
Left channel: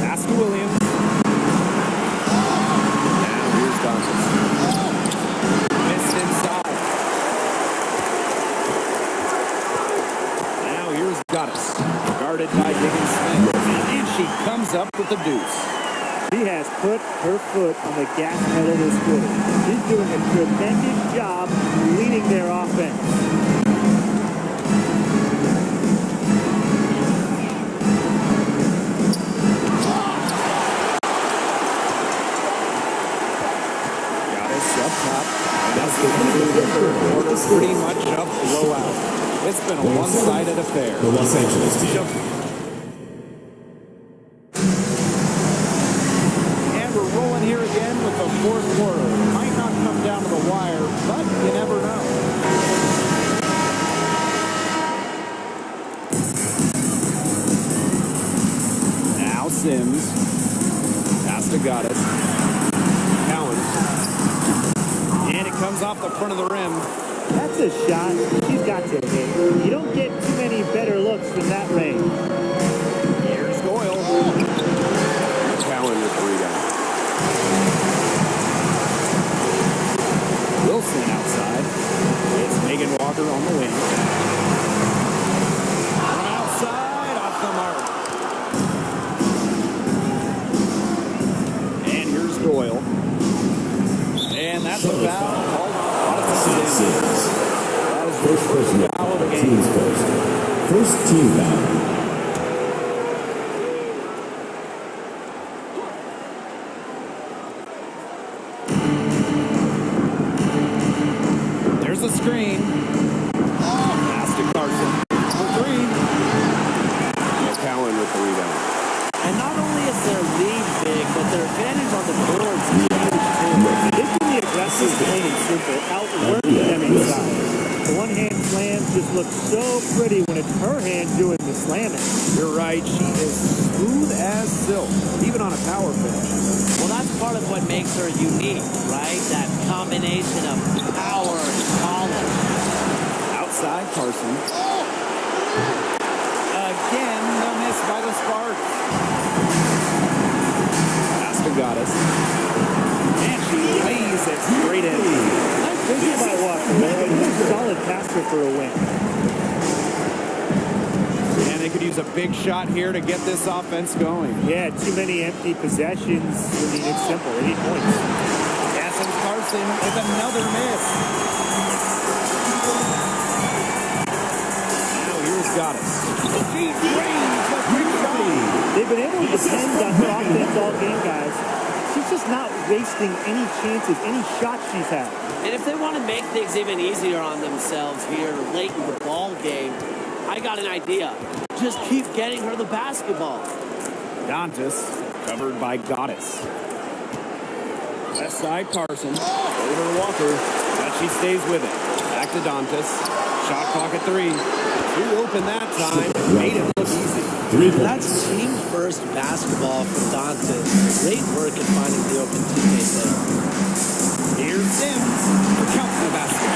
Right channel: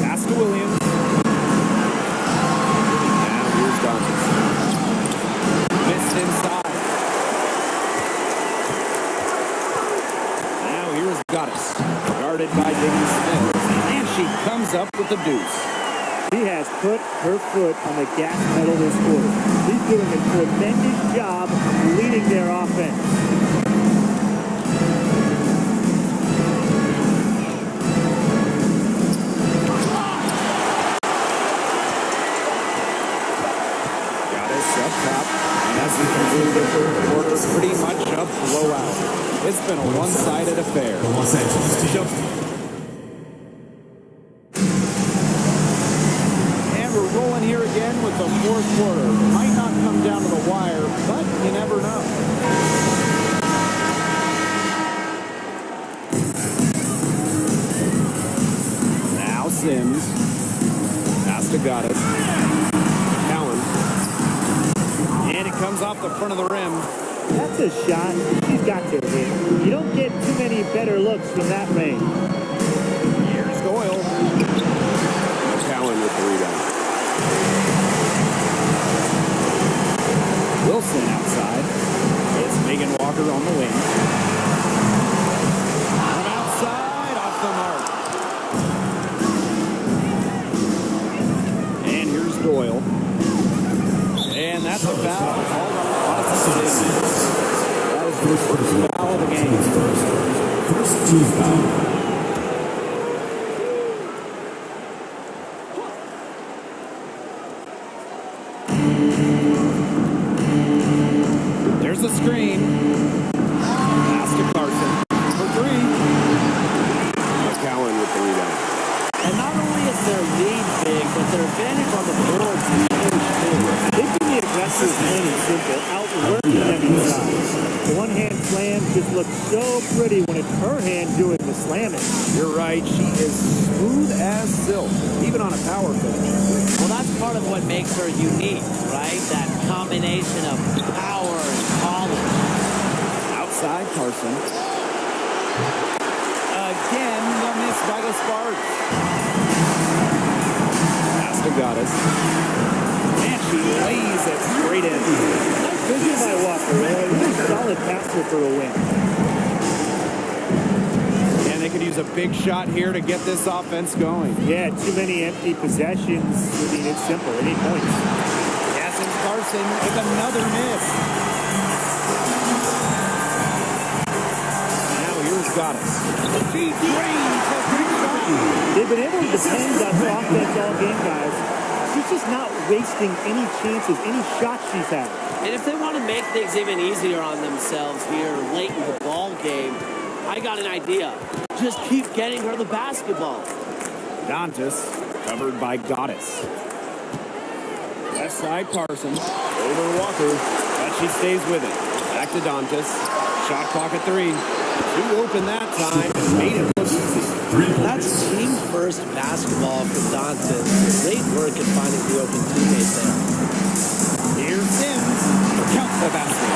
Pass to Williams. here's Dantas. Missed inside. Now here's Goddess, guarded by Diggins Smith, and she comes up with the deuce. She has put her foot on the gas pedal this quarter. She's doing a tremendous job leading their offense. Goddess up top, and as we conclude the third quarter, pretty much a blowout. It's been a one-sided affair. The Los Angeles team. And we're rolling here again with the fourth quarter. Might not come down to the wire, but you never know. Now Sims. Pass to Goddess. Cowan. And it comes off the front of the rim. That's a shot she's got to hit. You don't get too many better looks from that range. Here's Doyle. McCowan with the rebound. Wilson outside. It's Megan Walker on the wing. From outside, off the mark. And here's Doyle. And that's a foul called on Odyssey Sims. That is the first foul of the game. First team foul. There's a screen. Pass to Carson for three. McCowan with the rebound. And not only is their lead big, but their advantage on the boards is huge too. They can be aggressive, plain and simple, outworking them inside. The one-hand slam just looks so pretty when it's her hand doing the slamming. You're right. She is smooth as silk, even on a power finish. Well, that's part of what makes her unique, right? That combination of power and polish. Outside Carson. Again, the miss by the Sparks. Pass to Goddess. And she lays it straight in. Nice vision by Walker. A really solid passer for a win. And they could use a big shot here to get this offense going. Yeah, too many empty possessions. I mean, it's simple. They need points. Yes, and Carson with another miss. Now here's Goddess. She drains the quick shot. They've been able to depend on her offense all game, guys. She's just not wasting any chances, any shots she's had. And if they want to make things even easier on themselves here late in the ball game, I got an idea. Just keep getting her the basketball. Dantas covered by Goddess. Left side Carson. Over to Walker, but she stays with it. Back to Dantas. Shot clock at 3. Too open that time. Made it look easy. That's team first basketball for Dantas. Great work at finding the open teammate there. Here's Sims. Count the basket.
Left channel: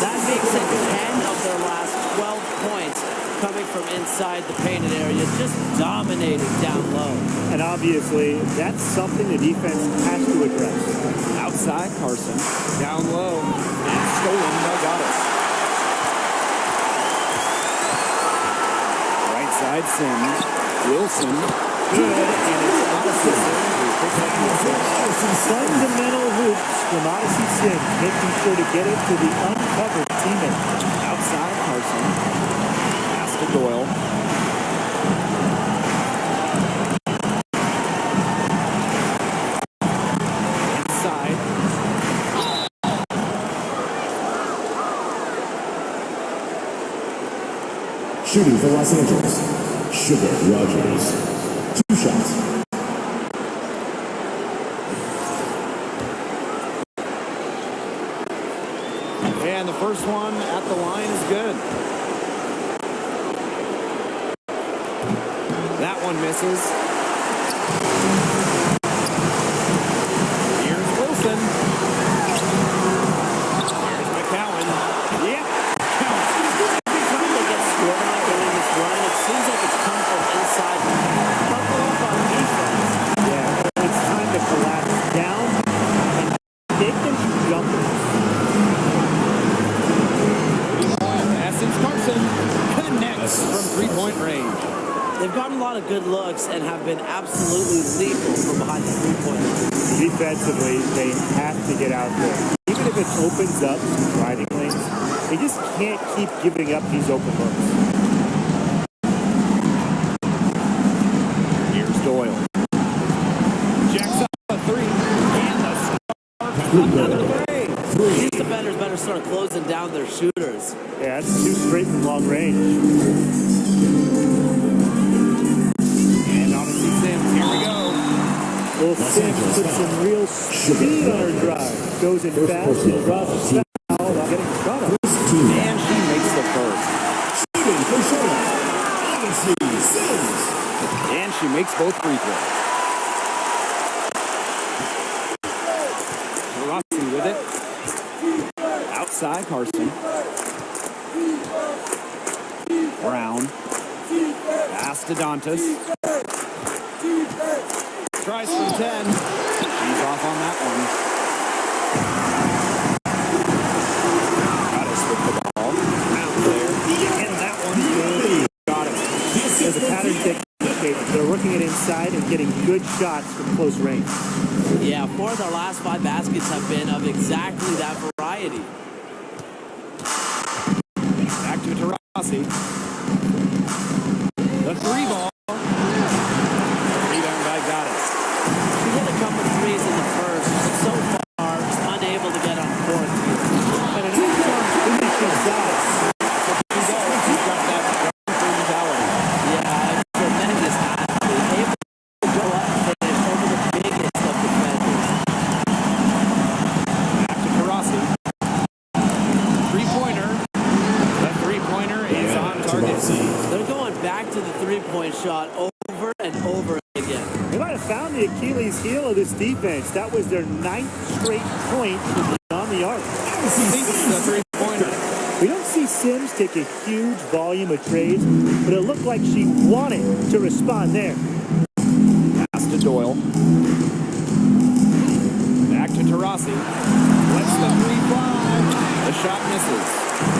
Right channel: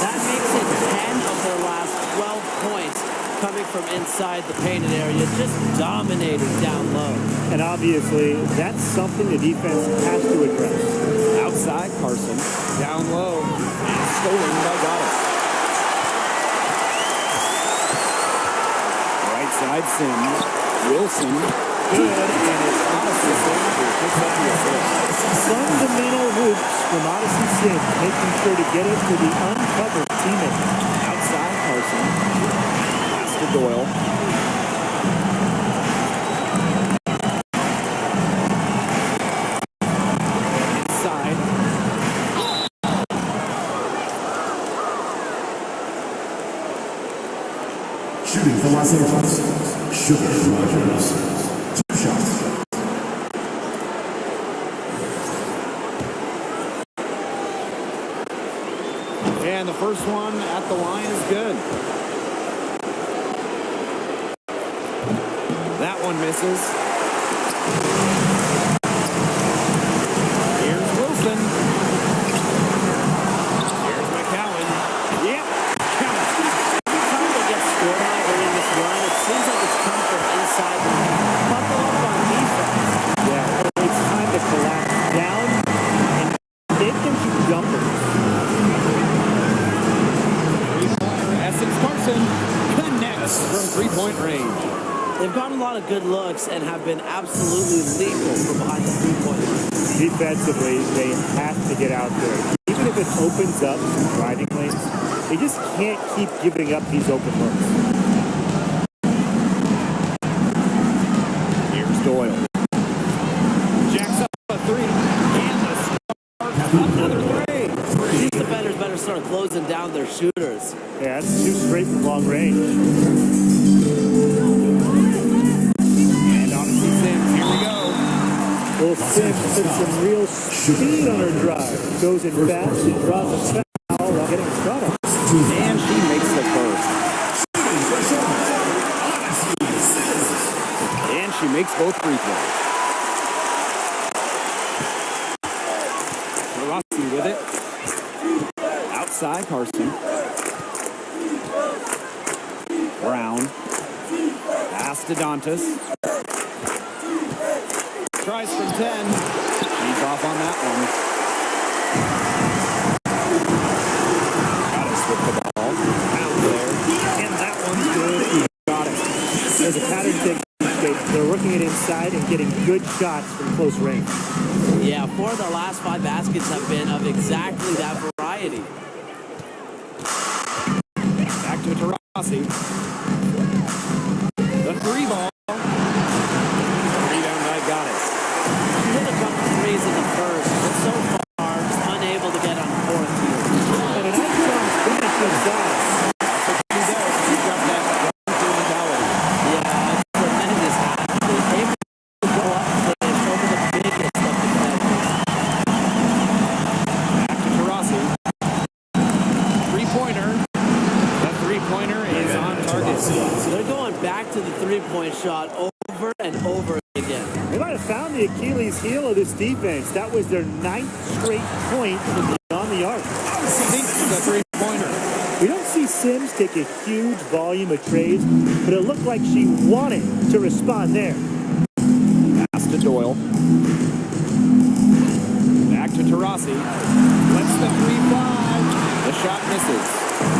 That makes it 10 of their last 12 points coming from inside the painted area, just dominating down low. And obviously, that's something the defense has to address. Outside Carson. Down low. And stolen by Goddess. Right side Sims. Wilson. Good. And it's Odyssey Sims who picks up the assist. Fundamental hoops from Odyssey Sims, making sure to get it to the uncovered teammate. Outside Carson. Pass to Doyle. Inside. Shooting for Los Angeles. Sugar Rogers. 2 shots. And the first one at the line is good. That one misses. Here's Wilson. Here's McCowan. Yep. Count. Every time they get scored on during this run, it seems like it's come from inside the buckle up on defense. Yeah, it's time to collapse down Essence Carson connects from three-point range. They've gotten a lot of good looks and have been absolutely lethal from behind the three-point line. Defensively, they have to get out there. Even if it opens up some driving lanes, they just can't keep giving up these open looks. Here's Doyle. Jacks up a three, and the Sparks another three. These defenders better start closing down their shooters. Yeah, that's two straight from long range. And Odyssey Sims, here we go. Well, Sims put some real speed on her drive. Goes in fast and draws a foul while getting a shot off. And she makes the first. And she makes both free throws. Rossi with it. Outside Carson. Brown. Pass to Dantas. Tries from 10. She's off on that one. Got us with the ball. Brown there. And that one's good. Got it. There's a pattern taking shape. They're working it inside and getting good shots from close range. Yeah, 4 of their last 5 baskets have been of exactly that variety. Back to Tarasi. The three ball. The rebound by Goddess. She hit a couple threes in the first, but so far just unable to get on fourth here. And a nice strong finish inside. That's what she does. She's got that gun-through mentality. Yeah, a tremendous athlete. Able to go up and finish over the biggest of defenders. Back to Tarasi. Three-pointer. The three-pointer is on target. They're going back to the three-point shot over and over again. They might have found the Achilles heel of this defense. That was their 9th straight point from beyond the arc. Sinks the three-pointer. We don't see Sims take a huge volume of trades, but it looked like she wanted to respond there. Pass to Doyle. Back to Tarasi. Lets the three fly. The shot misses.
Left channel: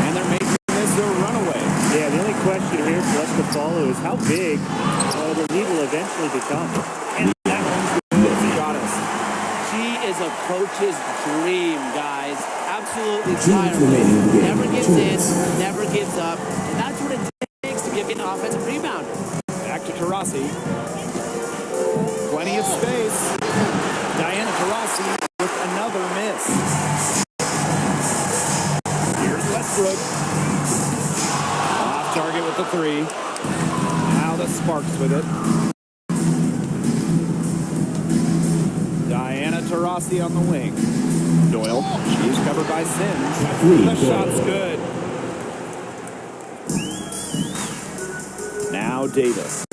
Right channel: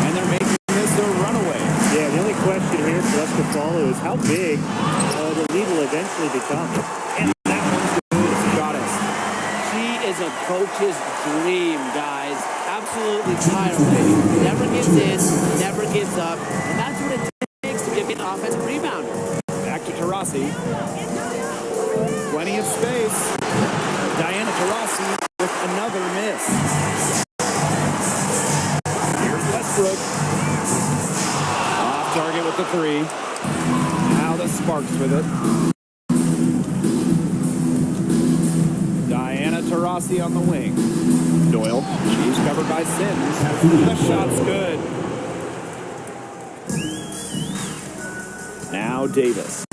And they're making this a runaway. Yeah, the only question here for us to follow is how big the lead will eventually become. And that one's good. Goddess. She is a coach's dream, guys. Absolutely tireless. Never gives in, never gives up. And that's what it takes to be an offensive rebounder. Back to Tarasi. Plenty of space. Diana Taurasi with another miss. Here's Westbrook. Off target with the three. Now the Sparks with it. Diana Taurasi on the wing. Doyle. She's covered by Sims. The shot's good. Now Davis.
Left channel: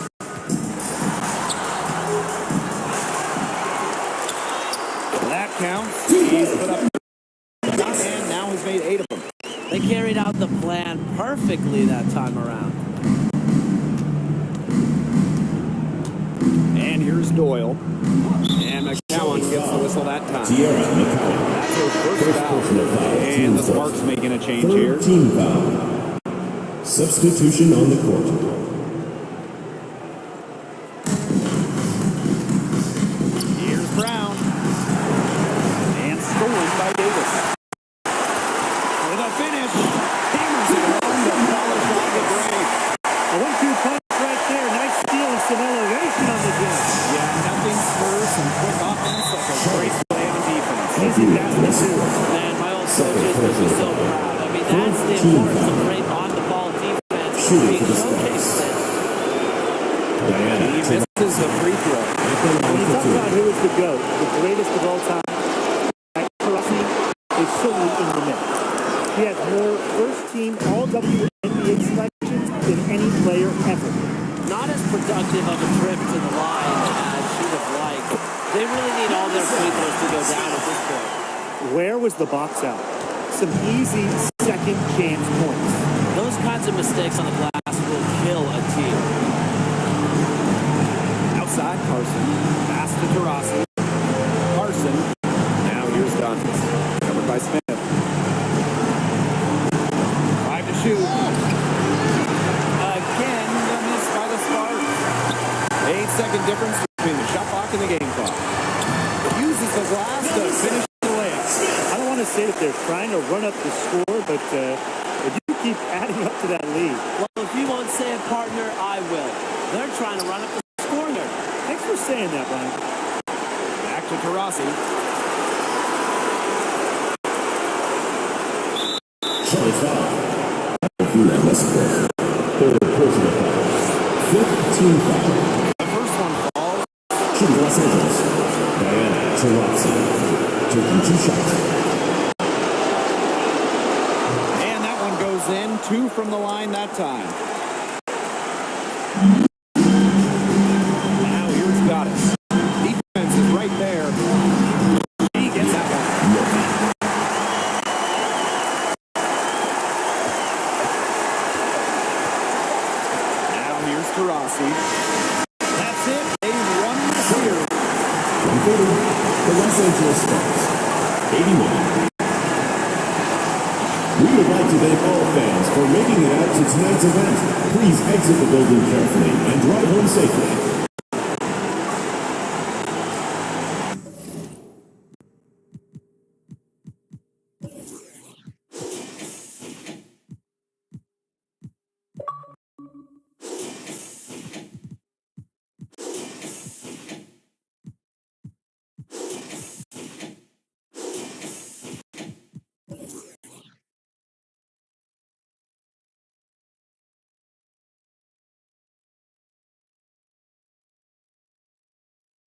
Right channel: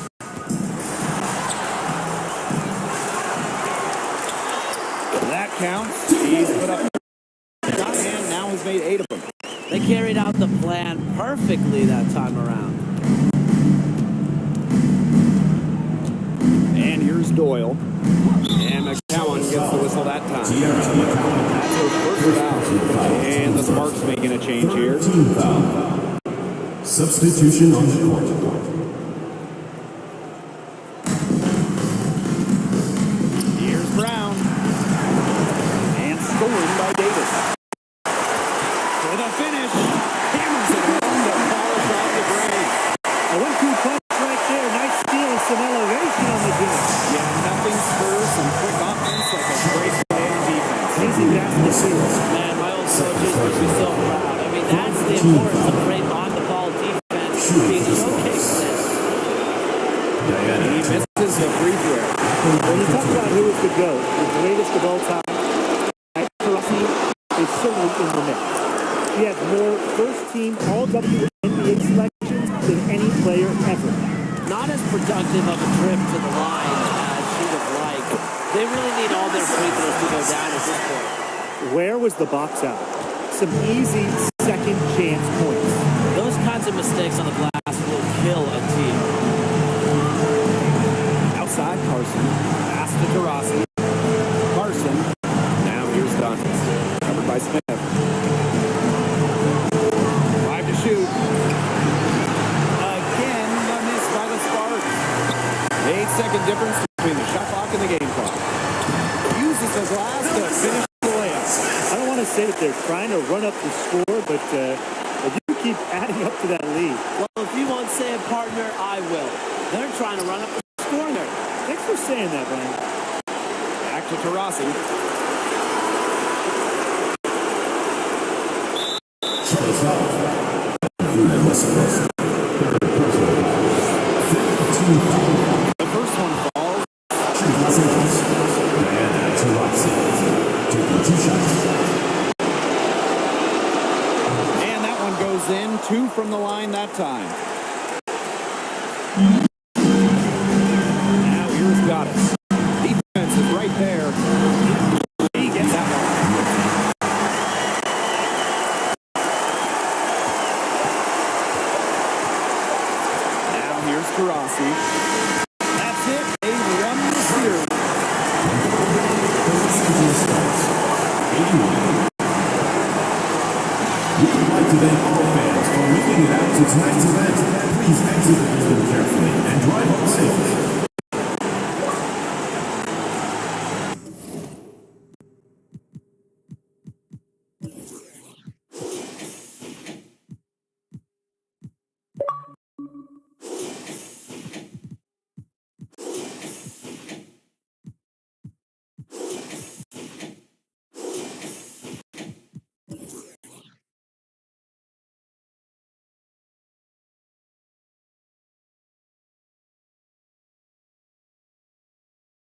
That counts. He's put up the shot and now has made 8 of them. They carried out the plan perfectly that time around. And here's Doyle. And McCowan gets the whistle that time. That's her first foul. And the Sparks making a change here. Foul. Substitution on the court. Here's Brown. And stolen by Davis. For the finish. Hammers it home to polish off the break. A 1-2 punch right there. Nice steal and some elevation on the game. Yeah, nothing spurs some quick offense like a great play on defense. Easy basket too. Man, my old coaches would be so proud. I mean, that's the importance of great on-the-ball defense being showcased there. He misses the free throw. When you talk about who is the GOAT, the greatest of all time, Taurasi is certainly in the mix. He has more first-team all-WNBA selections than any player ever. Not as productive of a trip to the line as she'd have liked. They really need all their free throws to go down at this point. Where was the box out? Some easy second-chance points. Those kinds of mistakes on the glass will kill a team. Outside Carson. Pass to Taurasi. Carson. Now here's Dantas. Covered by Smith. 5 to shoot. by the Sparks. The 8-second difference between the shot clock and the game clock. Uses the glass to finish the layup. I don't want to say that they're trying to run up the score, but they do keep adding up to that lead. Well, if you won't say it, partner, I will. They're trying to run up the score here. Thanks for saying that, Brian. Back to Taurasi. Shuttle foul. Third personal foul. 15 foul. The first one falls. Shooting Los Angeles. Diana Taurasi. Taking 2 shots. And that one goes in. 2 from the line that time. Now here's Goddess. Defense is right there. She gets that one. Now here's Taurasi. That's it. They've won the series. 140. The Los Angeles Sparks. 81. We would like to thank all fans for making it out to tonight's event. Please exit the building carefully and drive home safely.